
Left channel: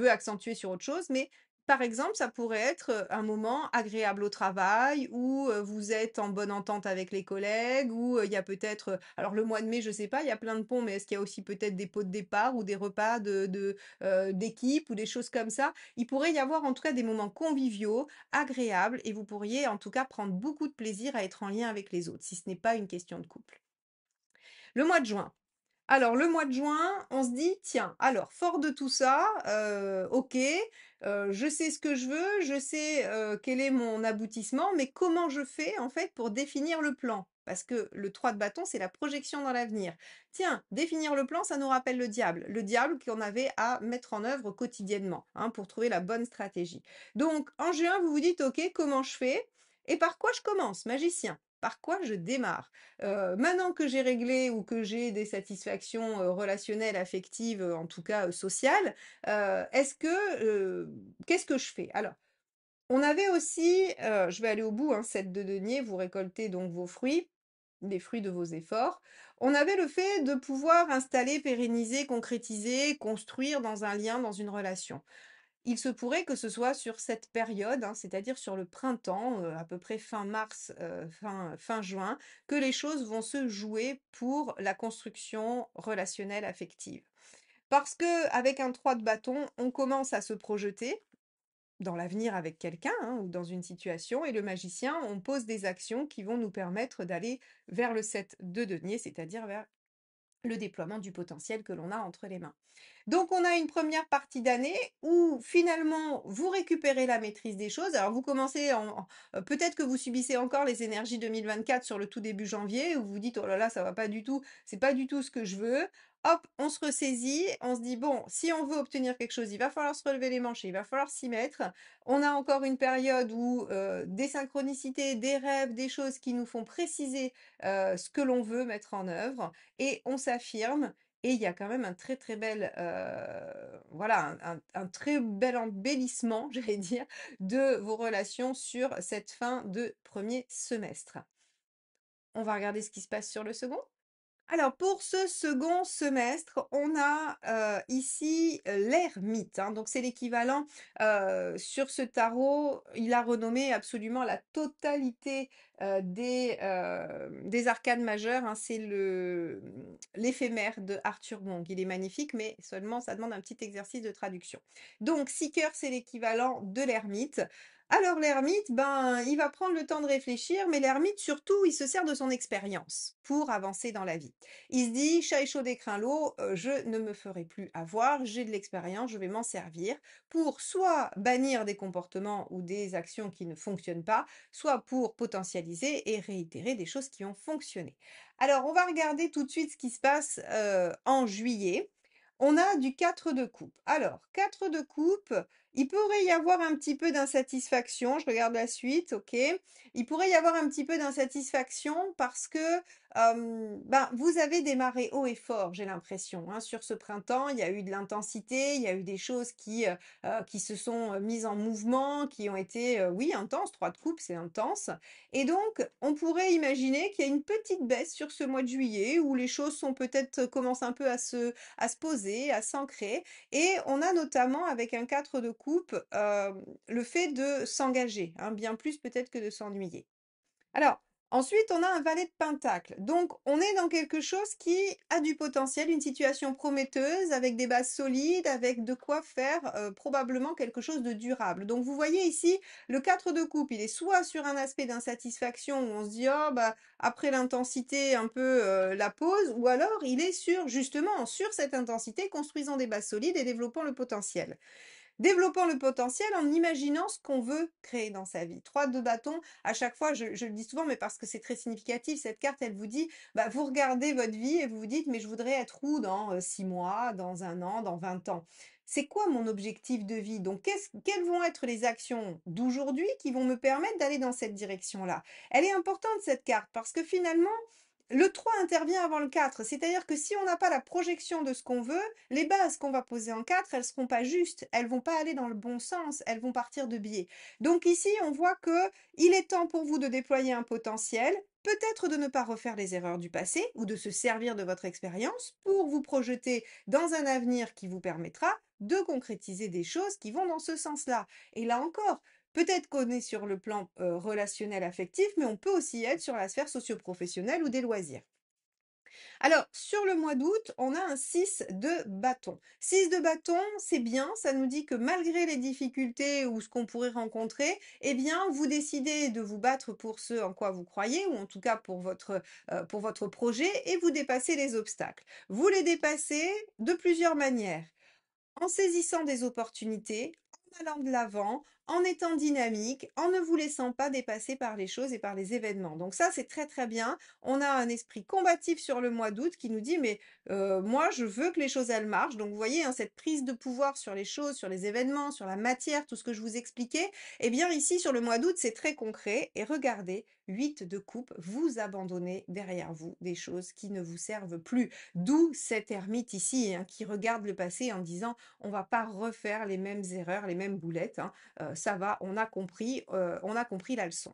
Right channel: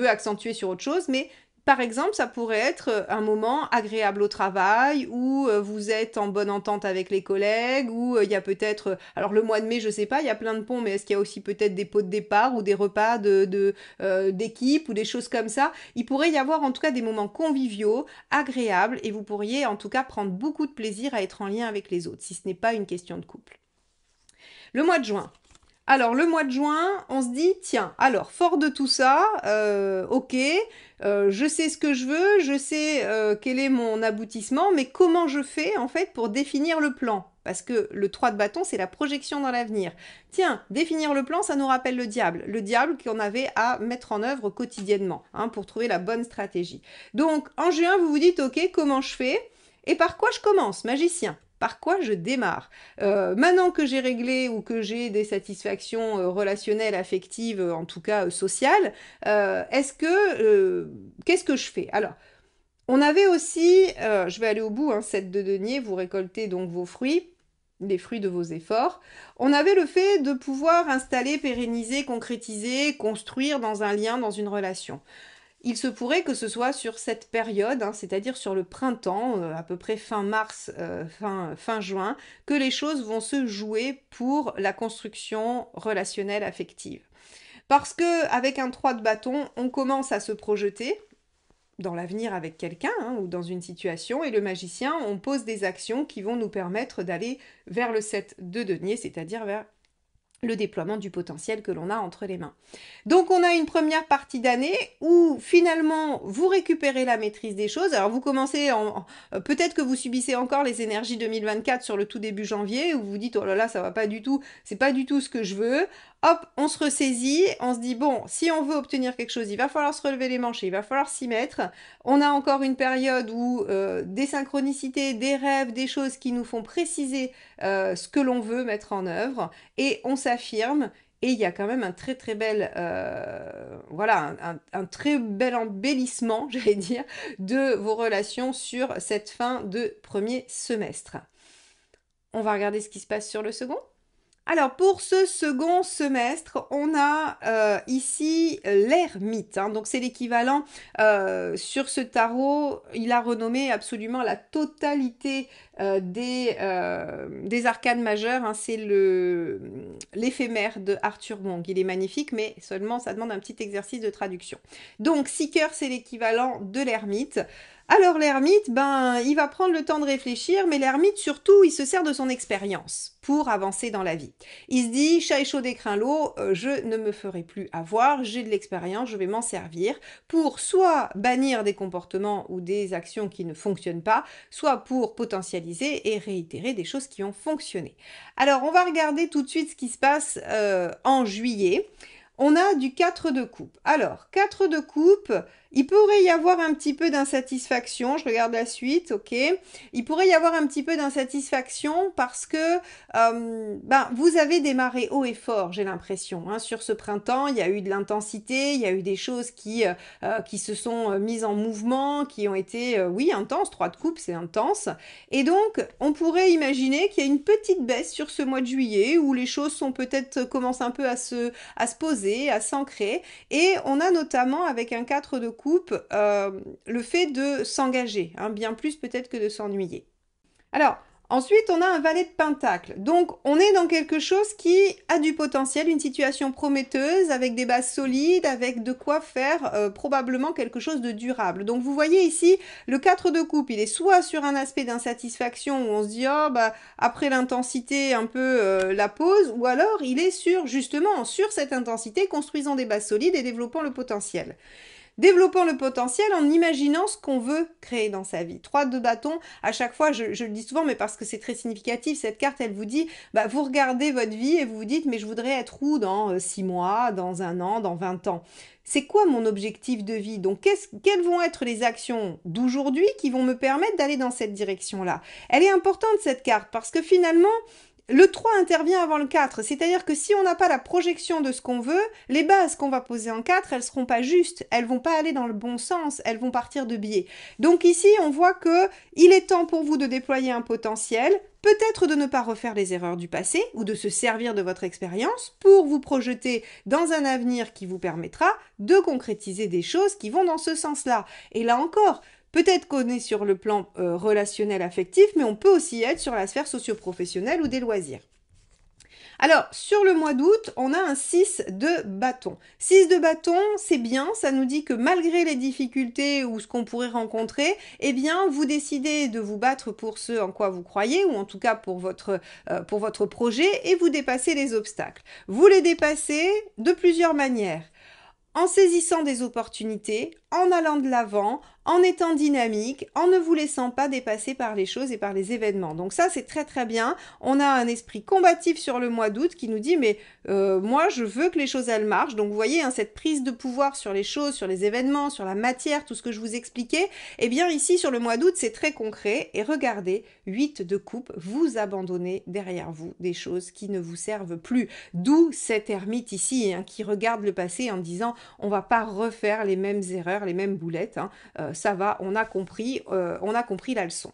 accentuer sur autre chose, mais Par exemple, ça pourrait être un moment agréable au travail où vous êtes en bonne entente avec les collègues, où il y a peut-être, alors le mois de mai, je sais pas, il y a plein de ponts, mais est-ce qu'il y a aussi peut-être des pots de départ ou des repas d'équipe ou des choses comme ça? Il pourrait y avoir en tout cas des moments conviviaux, agréables, et vous pourriez en tout cas prendre beaucoup de plaisir à être en lien avec les autres, si ce n'est pas une question de couple. Le mois de juin. Alors, le mois de juin, on se dit, tiens, alors, fort de tout ça, ok, je sais ce que je veux, je sais quel est mon aboutissement, mais comment je fais, en fait, pour définir le plan? Parce que le 3 de bâton, c'est la projection dans l'avenir. Tiens, définir le plan, ça nous rappelle le diable qu'on avait à mettre en œuvre quotidiennement, hein, pour trouver la bonne stratégie. Donc, en juin, vous vous dites, ok, comment je fais? Et par quoi je commence, magicien? Par quoi je démarre? Maintenant que j'ai réglé ou que j'ai des satisfactions relationnelles, affectives, en tout cas sociales, qu'est-ce que je fais? Alors, on avait aussi, je vais aller au bout, hein, 7 de denier, vous récoltez donc vos fruits, les fruits de vos efforts. On avait le fait de pouvoir installer, pérenniser, concrétiser, construire dans un lien, dans une relation. Il se pourrait que ce soit sur cette période, hein, c'est-à-dire sur le printemps, à peu près fin mars, fin juin, que les choses vont se jouer pour la construction relationnelle affective. Parce que avec un 3 de bâton, on commence à se projeter dans l'avenir avec quelqu'un, hein, ou dans une situation, et le magicien, on pose des actions qui vont nous permettre d'aller vers le 7 de denier, c'est-à-dire vers le déploiement du potentiel que l'on a entre les mains. Donc on a une première partie d'année où finalement vous récupérez la maîtrise des choses. Alors vous commencez peut-être que vous subissez encore les énergies 2024 sur le tout début janvier où vous vous dites oh là là ça va pas du tout, c'est pas du tout ce que je veux. Hop, on se ressaisit, on se dit bon, si on veut obtenir quelque chose, il va falloir se relever les manches et il va falloir s'y mettre. On a encore une période où des synchronicités, des rêves, des choses qui nous font préciser ce que l'on veut mettre en œuvre et on s'affirme et il y a quand même un très très bel voilà un très bel embellissement j'allais dire de vos relations sur cette fin de premier semestre. On va regarder ce qui se passe sur le second. Alors pour ce second semestre, on a ici l'ermite, hein, donc c'est l'équivalent sur ce tarot, il a renommé absolument la totalité des arcanes majeures, hein, c'est l'éphémère de Arthur Wong, il est magnifique mais seulement ça demande un petit exercice de traduction. Donc Seeker c'est l'équivalent de l'ermite. Alors l'ermite, ben, il va prendre le temps de réfléchir, mais l'ermite surtout, il se sert de son expérience pour avancer dans la vie. Il se dit, chat échaud d'écrin l'eau, je ne me ferai plus avoir, j'ai de l'expérience, je vais m'en servir pour soit bannir des comportements ou des actions qui ne fonctionnent pas, soit pour potentialiser et réitérer des choses qui ont fonctionné. Alors on va regarder tout de suite ce qui se passe en juillet. On a du 4 de coupe. Alors, 4 de coupe, il pourrait y avoir un petit peu d'insatisfaction. Je regarde la suite, ok. Il pourrait y avoir un petit peu d'insatisfaction parce que vous avez démarré haut et fort, j'ai l'impression. Hein. Sur ce printemps, il y a eu de l'intensité, il y a eu des choses qui se sont mises en mouvement, qui ont été, oui, intenses. 3 de coupe, c'est intense. Et donc, on pourrait imaginer qu'il y a une petite baisse sur ce mois de juillet où les choses sont peut-être commencent un peu à se poser, à s'ancrer. Et on a notamment avec un 4 de coupe le fait de s'engager, hein, bien plus peut-être que de s'ennuyer. Alors, ensuite, on a un valet de pentacle. Donc, on est dans quelque chose qui a du potentiel, une situation prometteuse, avec des bases solides, avec de quoi faire probablement quelque chose de durable. Donc, vous voyez ici, le 4 de coupe, il est soit sur un aspect d'insatisfaction où on se dit, oh, bah, après l'intensité, un peu la pause, ou alors il est justement, sur cette intensité, construisant des bases solides et développant le potentiel. Développons le potentiel en imaginant ce qu'on veut créer dans sa vie. 3 de bâton, à chaque fois, je le dis souvent, mais parce que c'est très significatif, cette carte, elle vous dit, bah, vous regardez votre vie et vous vous dites, mais je voudrais être où dans 6 mois, dans 1 an, dans 20 ans. C'est quoi mon objectif de vie? Donc, quelles vont être les actions d'aujourd'hui qui vont me permettre d'aller dans cette direction-là? Elle est importante, cette carte, parce que finalement, le 3 intervient avant le 4, c'est-à-dire que si on n'a pas la projection de ce qu'on veut, les bases qu'on va poser en 4, elles seront pas justes, elles vont pas aller dans le bon sens, elles vont partir de biais. Donc ici, on voit que il est temps pour vous de déployer un potentiel, peut-être de ne pas refaire les erreurs du passé ou de se servir de votre expérience pour vous projeter dans un avenir qui vous permettra de concrétiser des choses qui vont dans ce sens-là. Et là encore, peut-être qu'on est sur le plan relationnel affectif, mais on peut aussi être sur la sphère socio-professionnelle ou des loisirs. Alors, sur le mois d'août, on a un 6 de bâton. 6 de bâton, c'est bien, ça nous dit que malgré les difficultés ou ce qu'on pourrait rencontrer, eh bien, vous décidez de vous battre pour ce en quoi vous croyez, ou en tout cas pour votre projet, et vous dépassez les obstacles. Vous les dépassez de plusieurs manières. En saisissant des opportunités, en allant de l'avant, en étant dynamique, en ne vous laissant pas dépasser par les choses et par les événements. Donc ça, c'est très très bien. On a un esprit combatif sur le mois d'août qui nous dit mais moi, je veux que les choses, elles marchent. Donc vous voyez, hein, cette prise de pouvoir sur les choses, sur les événements, sur la matière, tout ce que je vous expliquais, eh bien ici, sur le mois d'août, c'est très concret. Et regardez, 8 de coupe, vous abandonnez derrière vous des choses qui ne vous servent plus. D'où cet ermite ici, hein, qui regarde le passé en disant on va pas refaire les mêmes erreurs, les mêmes boulettes, hein. Ça va, on a compris la leçon.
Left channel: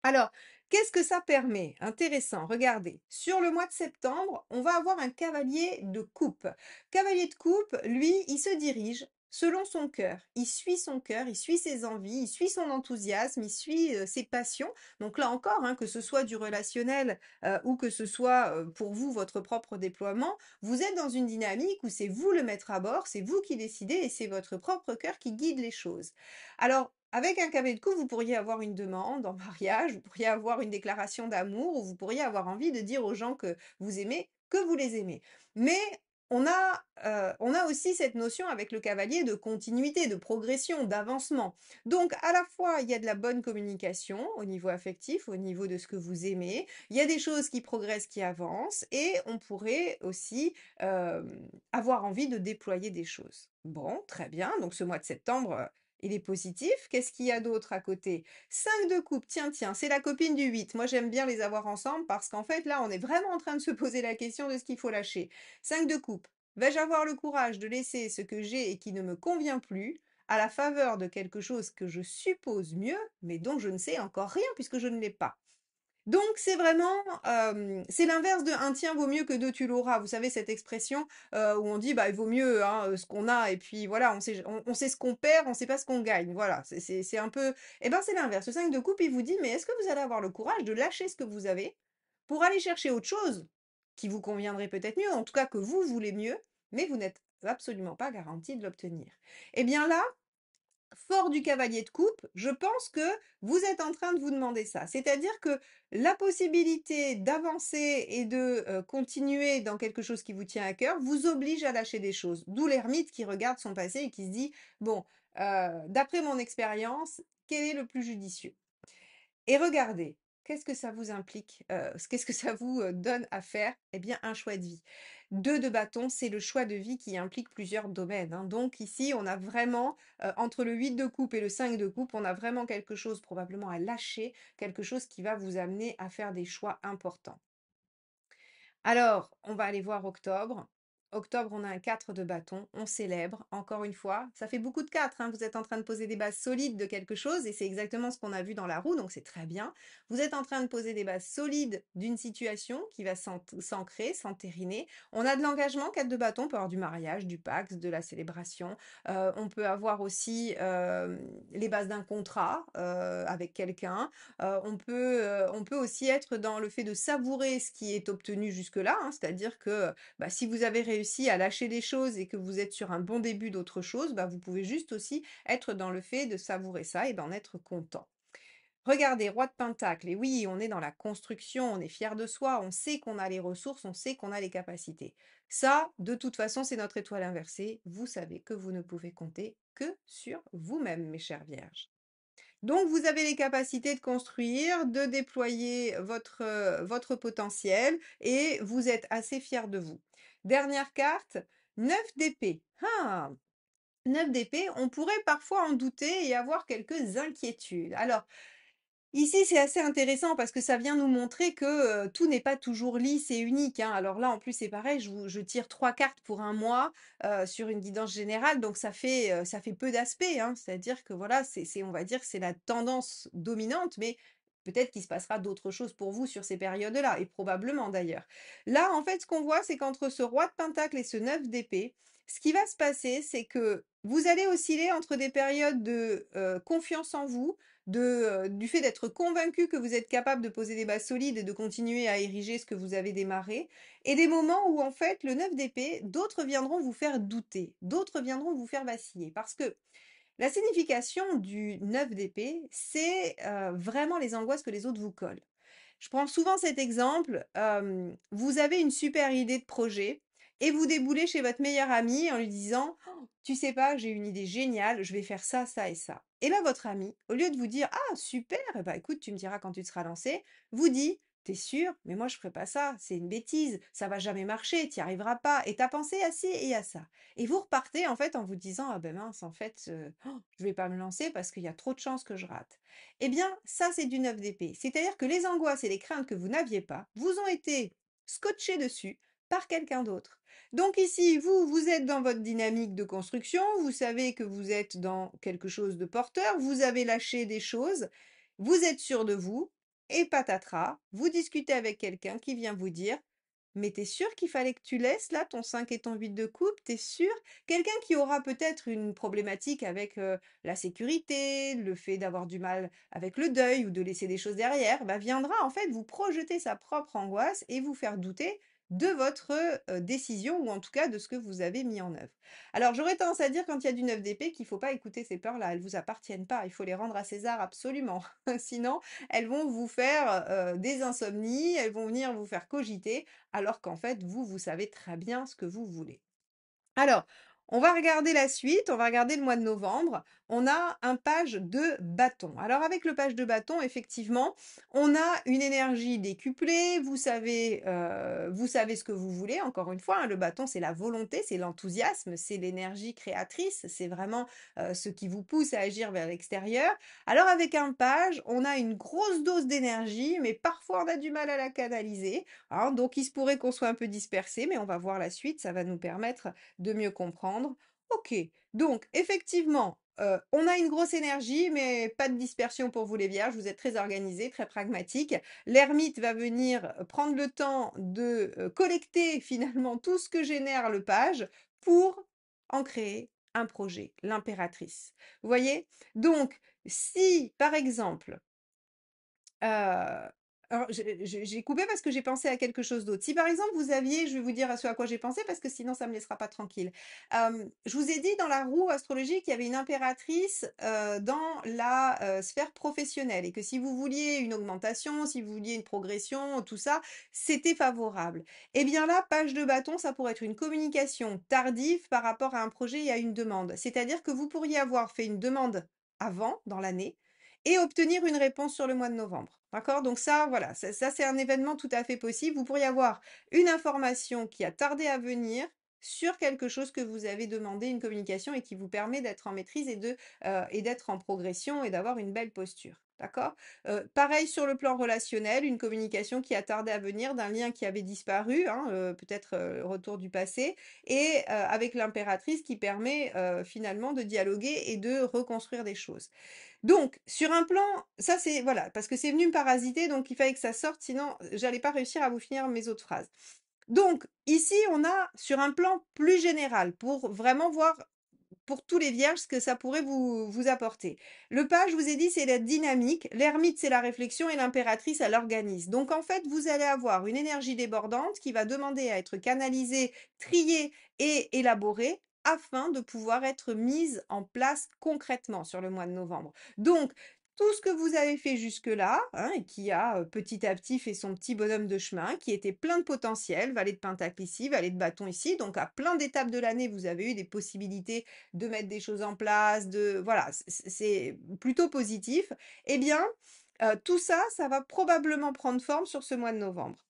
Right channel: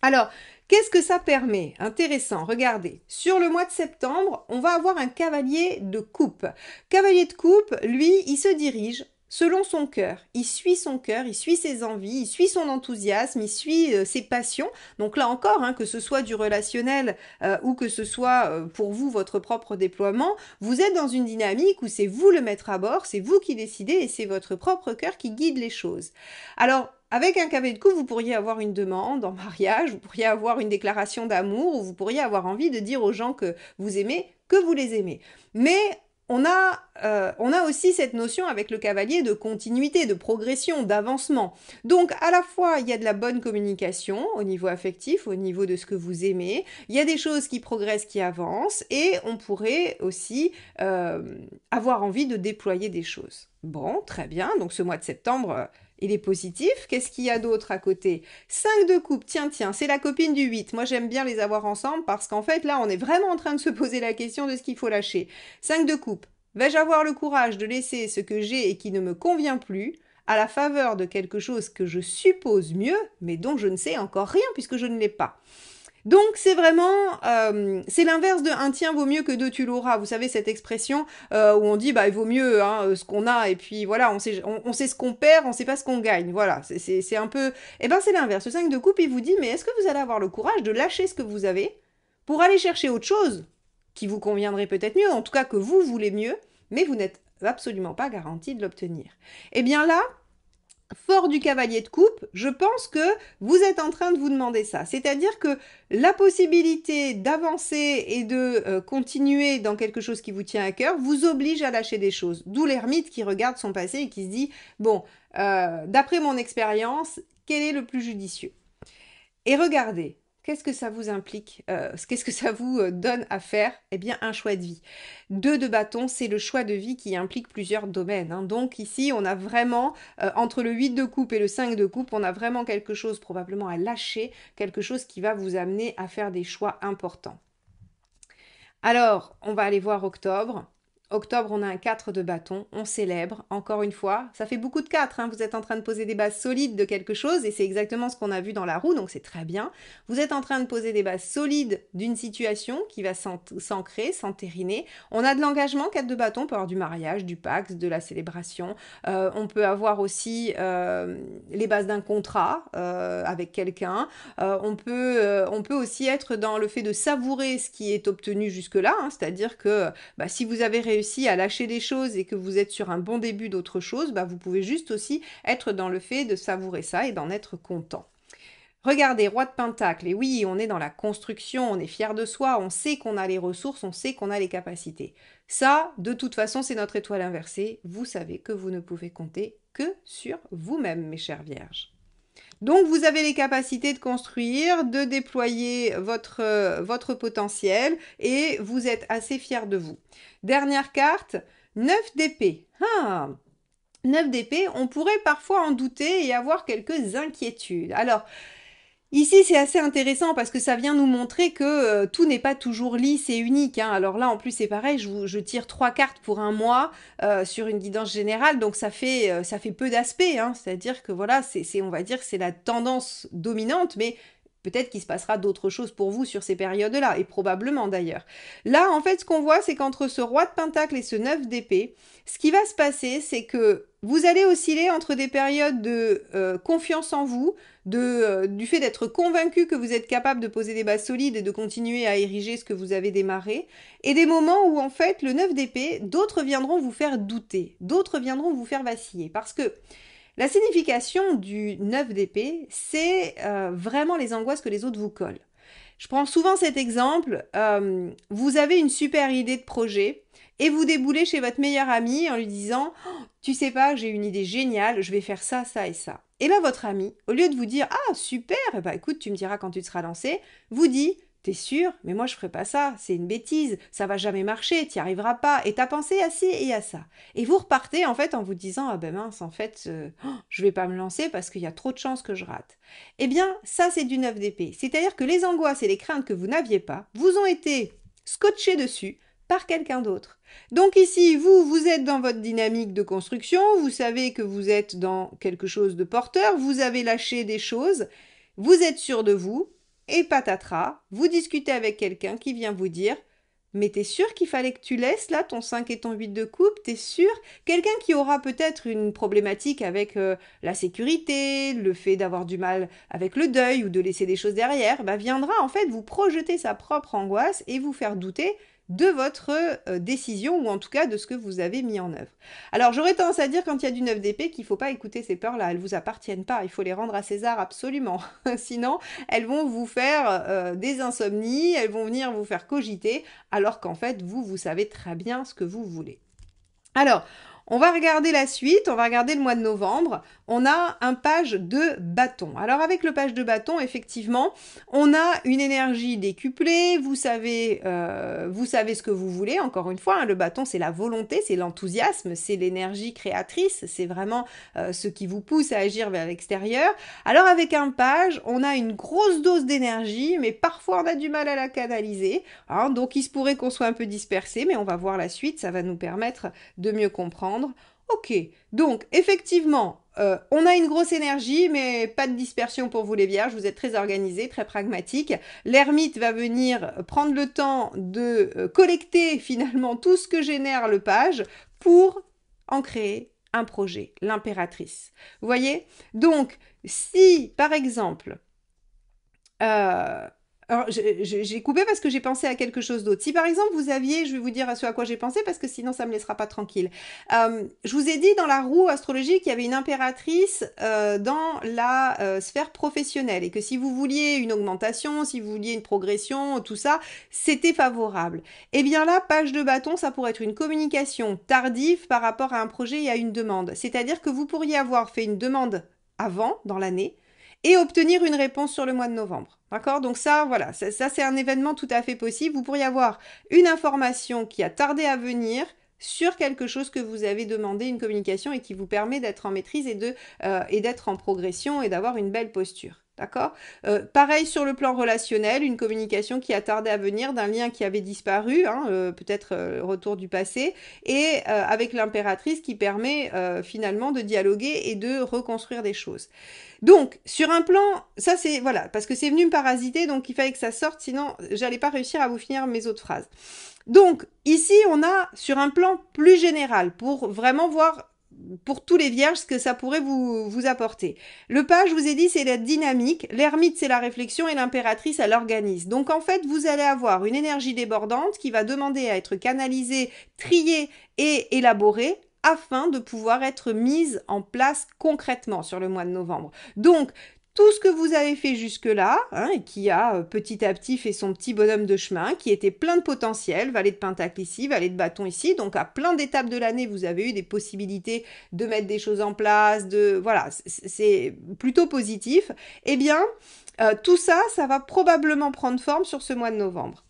Alors, qu'est-ce que ça permet? Intéressant, regardez. Sur le mois de septembre, on va avoir un cavalier de coupe. Cavalier de coupe, lui, il se dirige selon son cœur. Il suit son cœur, il suit ses envies, il suit son enthousiasme, il suit ses passions. Donc là encore, hein, que ce soit du relationnel ou que ce soit pour vous, votre propre déploiement, vous êtes dans une dynamique où c'est vous le maître à bord, c'est vous qui décidez et c'est votre propre cœur qui guide les choses. Alors, avec un cavalier de coupe, vous pourriez avoir une demande en mariage, vous pourriez avoir une déclaration d'amour, ou vous pourriez avoir envie de dire aux gens que vous aimez, que vous les aimez. Mais on a aussi cette notion avec le cavalier de continuité, de progression, d'avancement. Donc à la fois, il y a de la bonne communication au niveau affectif, au niveau de ce que vous aimez, il y a des choses qui progressent, qui avancent, et on pourrait aussi avoir envie de déployer des choses. Bon, très bien, donc ce mois de septembre, il est positif. Qu'est-ce qu'il y a d'autre à côté? 5 de coupe, tiens, c'est la copine du 8. Moi, j'aime bien les avoir ensemble parce qu'en fait, là, on est vraiment en train de se poser la question de ce qu'il faut lâcher. 5 de coupe. Vais-je avoir le courage de laisser ce que j'ai et qui ne me convient plus à la faveur de quelque chose que je suppose mieux, mais dont je ne sais encore rien puisque je ne l'ai pas? Donc c'est vraiment, c'est l'inverse de un tien vaut mieux que deux tu l'auras. Vous savez cette expression où on dit bah il vaut mieux hein, ce qu'on a et puis voilà on sait ce qu'on perd, on sait pas ce qu'on gagne. Voilà c'est un peu, et ben c'est l'inverse. Le 5 de coupe il vous dit mais est-ce que vous allez avoir le courage de lâcher ce que vous avez pour aller chercher autre chose qui vous conviendrait peut-être mieux, en tout cas que vous voulez mieux, mais vous n'êtes absolument pas garanti de l'obtenir. Et bien là, fort du cavalier de coupe, je pense que vous êtes en train de vous demander ça. C'est-à-dire que la possibilité d'avancer et de continuer dans quelque chose qui vous tient à cœur vous oblige à lâcher des choses. D'où l'ermite qui regarde son passé et qui se dit, bon, d'après mon expérience, quel est le plus judicieux? Et regardez, qu'est-ce que ça vous implique? Qu'est-ce que ça vous donne à faire? Eh bien, un choix de vie. 2 de bâton, c'est le choix de vie qui implique plusieurs domaines, hein. Donc ici, on a vraiment, entre le 8 de coupe et le 5 de coupe, on a vraiment quelque chose probablement à lâcher, quelque chose qui va vous amener à faire des choix importants. Alors, on va aller voir octobre. Octobre, on a un 4 de bâton, on célèbre, encore une fois, ça fait beaucoup de 4, hein. Vous êtes en train de poser des bases solides de quelque chose, et c'est exactement ce qu'on a vu dans la roue, donc c'est très bien. Vous êtes en train de poser des bases solides d'une situation qui va s'ancrer, s'entériner. On a de l'engagement, 4 de bâton, on peut avoir du mariage, du pax, de la célébration. On peut avoir aussi les bases d'un contrat avec quelqu'un. On peut aussi être dans le fait de savourer ce qui est obtenu jusque-là, hein, c'est-à-dire que bah, si vous avez réussi à lâcher des choses et que vous êtes sur un bon début d'autre chose, bah, vous pouvez juste aussi être dans le fait de savourer ça et d'en être content. Regardez, roi de pentacle, et oui, on est dans la construction, on est fier de soi, on sait qu'on a les ressources, on sait qu'on a les capacités. Ça, de toute façon, c'est notre étoile inversée. Vous savez que vous ne pouvez compter que sur vous-même, mes chères vierges. Donc, vous avez les capacités de construire, de déployer votre potentiel et vous êtes assez fiers de vous. Dernière carte, 9 d'épée. Ah, 9 d'épée, on pourrait parfois en douter et avoir quelques inquiétudes. Alors, Ici, c'est assez intéressant parce que ça vient nous montrer que tout n'est pas toujours lisse et unique, hein. Alors là, en plus, c'est pareil, je tire 3 cartes pour un mois sur une guidance générale, donc ça fait peu d'aspects, hein. C'est-à-dire que voilà, on va dire que c'est la tendance dominante, mais peut-être qu'il se passera d'autres choses pour vous sur ces périodes-là, et probablement d'ailleurs. Là, en fait, ce qu'on voit, c'est qu'entre ce roi de pentacle et ce 9 d'épée, ce qui va se passer, c'est que vous allez osciller entre des périodes de confiance en vous, du fait d'être convaincu que vous êtes capable de poser des bases solides et de continuer à ériger ce que vous avez démarré, et des moments où en fait le 9 d'épée, d'autres viendront vous faire douter, d'autres viendront vous faire vaciller, parce que la signification du 9 d'épée, c'est vraiment les angoisses que les autres vous collent. Je prends souvent cet exemple, vous avez une super idée de projet et vous déboulez chez votre meilleur ami en lui disant tu sais pas, j'ai une idée géniale, je vais faire ça, ça et ça. Et là, votre ami, au lieu de vous dire ah super, bah écoute, tu me diras quand tu te seras lancé, vous dit t'es sûr, mais moi je ferai pas ça, c'est une bêtise, ça va jamais marcher, t'y arriveras pas, et t'as pensé à ci et à ça. Et vous repartez en fait en vous disant ah ben mince, en fait, je vais pas me lancer parce qu'il y a trop de chances que je rate. Eh bien, ça, c'est du 9 d'épée. C'est-à-dire que les angoisses et les craintes que vous n'aviez pas vous ont été scotchées dessus par quelqu'un d'autre. Donc ici, vous êtes dans votre dynamique de construction, vous savez que vous êtes dans quelque chose de porteur, vous avez lâché des choses, vous êtes sûr de vous, et patatras, vous discutez avec quelqu'un qui vient vous dire mais t'es sûr qu'il fallait que tu laisses là ton 5 et ton 8 de coupe, t'es sûr? Quelqu'un qui aura peut-être une problématique avec la sécurité, le fait d'avoir du mal avec le deuil ou de laisser des choses derrière, bah viendra en fait vous projeter sa propre angoisse et vous faire douter de votre décision ou en tout cas de ce que vous avez mis en œuvre. Alors j'aurais tendance à dire quand il y a du 9 d'épée qu'il ne faut pas écouter ces peurs-là, elles ne vous appartiennent pas, il faut les rendre à César absolument. Sinon, elles vont vous faire des insomnies, elles vont venir vous faire cogiter, alors qu'en fait, vous savez très bien ce que vous voulez. Alors, on va regarder la suite, on va regarder le mois de novembre. On a un page de bâton. Alors avec le page de bâton, effectivement, on a une énergie décuplée. Vous savez ce que vous voulez. Encore une fois, hein, le bâton, c'est la volonté, c'est l'enthousiasme, c'est l'énergie créatrice, c'est vraiment ce qui vous pousse à agir vers l'extérieur. Alors avec un page, on a une grosse dose d'énergie, mais parfois on a du mal à la canaliser. Hein, donc il se pourrait qu'on soit un peu dispersé, mais on va voir la suite, ça va nous permettre de mieux comprendre. Ok, donc effectivement, on a une grosse énergie, mais pas de dispersion pour vous les vierges, vous êtes très organisés, très pragmatiques. L'ermite va venir prendre le temps de collecter finalement tout ce que génère le page pour en créer un projet, l'impératrice. Vous voyez? Donc, si par exemple, euh, alors, j'ai coupé parce que j'ai pensé à quelque chose d'autre. Si par exemple vous aviez, je vais vous dire à ce à quoi j'ai pensé parce que sinon ça me laissera pas tranquille. Je vous ai dit dans la roue astrologique qu'il y avait une impératrice dans la sphère professionnelle et que si vous vouliez une augmentation, si vous vouliez une progression, tout ça, c'était favorable. Eh bien là, page de bâton, ça pourrait être une communication tardive par rapport à un projet et à une demande. C'est-à-dire que vous pourriez avoir fait une demande avant, dans l'année, et obtenir une réponse sur le mois de novembre. D'accord? Donc ça, voilà, ça c'est un événement tout à fait possible. Vous pourriez avoir une information qui a tardé à venir sur quelque chose que vous avez demandé, une communication, et qui vous permet d'être en maîtrise et d'être en progression et d'avoir une belle posture. D'accord? Pareil sur le plan relationnel, une communication qui a tardé à venir d'un lien qui avait disparu, hein, peut-être retour du passé, et avec l'impératrice qui permet finalement de dialoguer et de reconstruire des choses. Donc, sur un plan, ça c'est, voilà, parce que c'est venu me parasiter, donc il fallait que ça sorte, sinon j'allais pas réussir à vous finir mes autres phrases. Donc, ici, on a sur un plan plus général, pour vraiment voir pour tous les vierges ce que ça pourrait vous apporter. Le page, je vous ai dit, c'est la dynamique, l'ermite, c'est la réflexion et l'impératrice, elle organise. Donc, en fait, vous allez avoir une énergie débordante qui va demander à être canalisée, triée et élaborée afin de pouvoir être mise en place concrètement sur le mois de novembre. Donc, tout ce que vous avez fait jusque-là, hein, et qui a petit à petit fait son petit bonhomme de chemin, qui était plein de potentiel, valet de pentacle ici, valet de bâton ici, donc à plein d'étapes de l'année, vous avez eu des possibilités de mettre des choses en place, voilà, c'est plutôt positif. Eh bien, tout ça, ça va probablement prendre forme sur ce mois de novembre.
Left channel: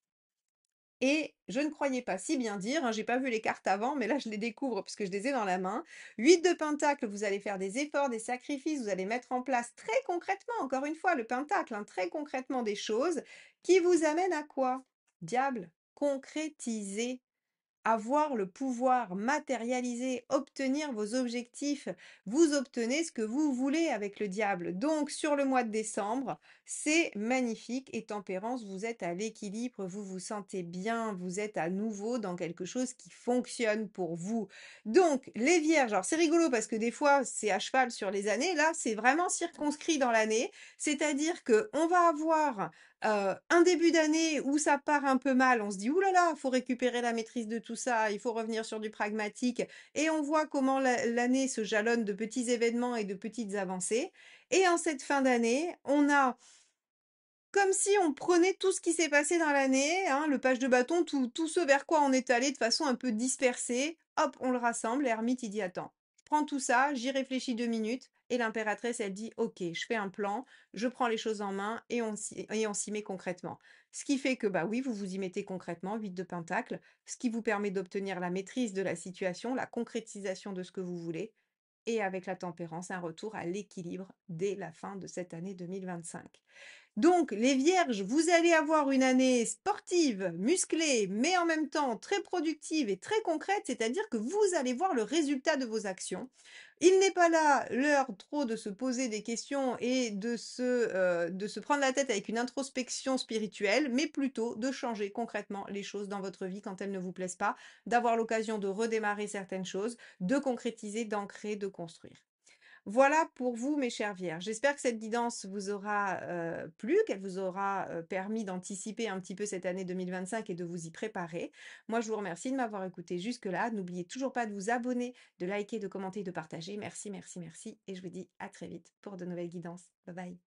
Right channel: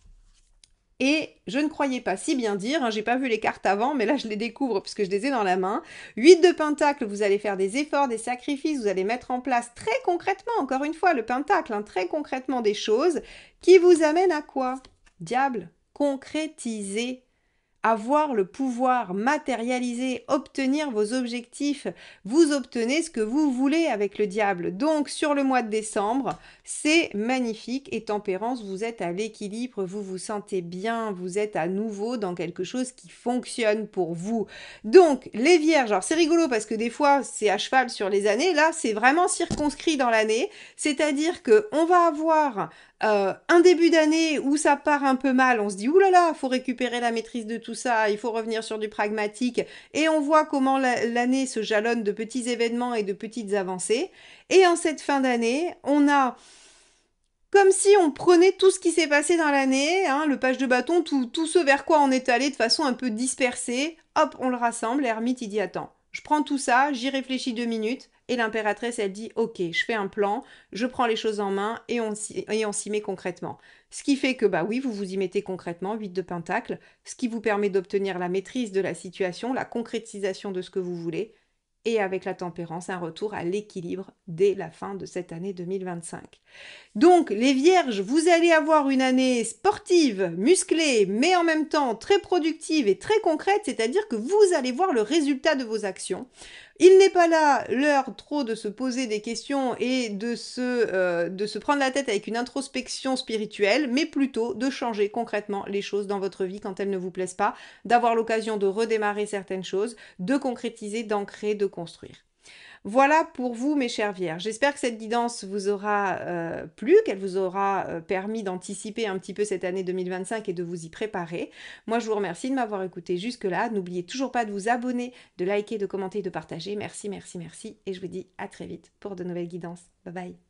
Et je ne croyais pas si bien dire, hein, j'ai pas vu les cartes avant, mais là je les découvre puisque je les ai dans la main. 8 de pentacle, vous allez faire des efforts, des sacrifices, vous allez mettre en place très concrètement, encore une fois, le pentacle, hein, très concrètement des choses qui vous amènent à quoi? Diable, concrétiser, avoir le pouvoir, matérialiser, obtenir vos objectifs. Vous obtenez ce que vous voulez avec le diable. Donc sur le mois de décembre, c'est magnifique. Et tempérance, vous êtes à l'équilibre, vous vous sentez bien, vous êtes à nouveau dans quelque chose qui fonctionne pour vous. Donc les vierges, alors c'est rigolo parce que des fois c'est à cheval sur les années, là c'est vraiment circonscrit dans l'année, c'est-à-dire que on va avoir un début d'année où ça part un peu mal, on se dit oulala, il faut récupérer la maîtrise de tout ça, il faut revenir sur du pragmatique, et on voit comment l'année se jalonne de petits événements et de petites avancées. Et en cette fin d'année, on a comme si on prenait tout ce qui s'est passé dans l'année, hein, le page de bâton, tout ce vers quoi on est allé de façon un peu dispersée, hop, on le rassemble, l'ermite il dit attends, je prends tout ça, j'y réfléchis 2 minutes, et l'impératrice elle dit ok, je fais un plan, je prends les choses en main et on s'y met concrètement. Ce qui fait que bah oui, vous vous y mettez concrètement, 8 de pentacle, ce qui vous permet d'obtenir la maîtrise de la situation, la concrétisation de ce que vous voulez, et avec la tempérance, un retour à l'équilibre dès la fin de cette année 2025. Donc, les vierges, vous allez avoir une année sportive, musclée, mais en même temps très productive et très concrète, c'est-à-dire que vous allez voir le résultat de vos actions. Il n'est pas là l'heure trop de se poser des questions et de se prendre la tête avec une introspection spirituelle, mais plutôt de changer concrètement les choses dans votre vie quand elles ne vous plaisent pas, d'avoir l'occasion de redémarrer certaines choses, de concrétiser, d'ancrer, de construire. Voilà pour vous, mes chères vierges. J'espère que cette guidance vous aura plu, qu'elle vous aura permis d'anticiper un petit peu cette année 2025 et de vous y préparer. Moi, je vous remercie de m'avoir écouté jusque-là. N'oubliez toujours pas de vous abonner, de liker, de commenter, de partager. Merci, merci, merci. Et je vous dis à très vite pour de nouvelles guidances. Bye bye.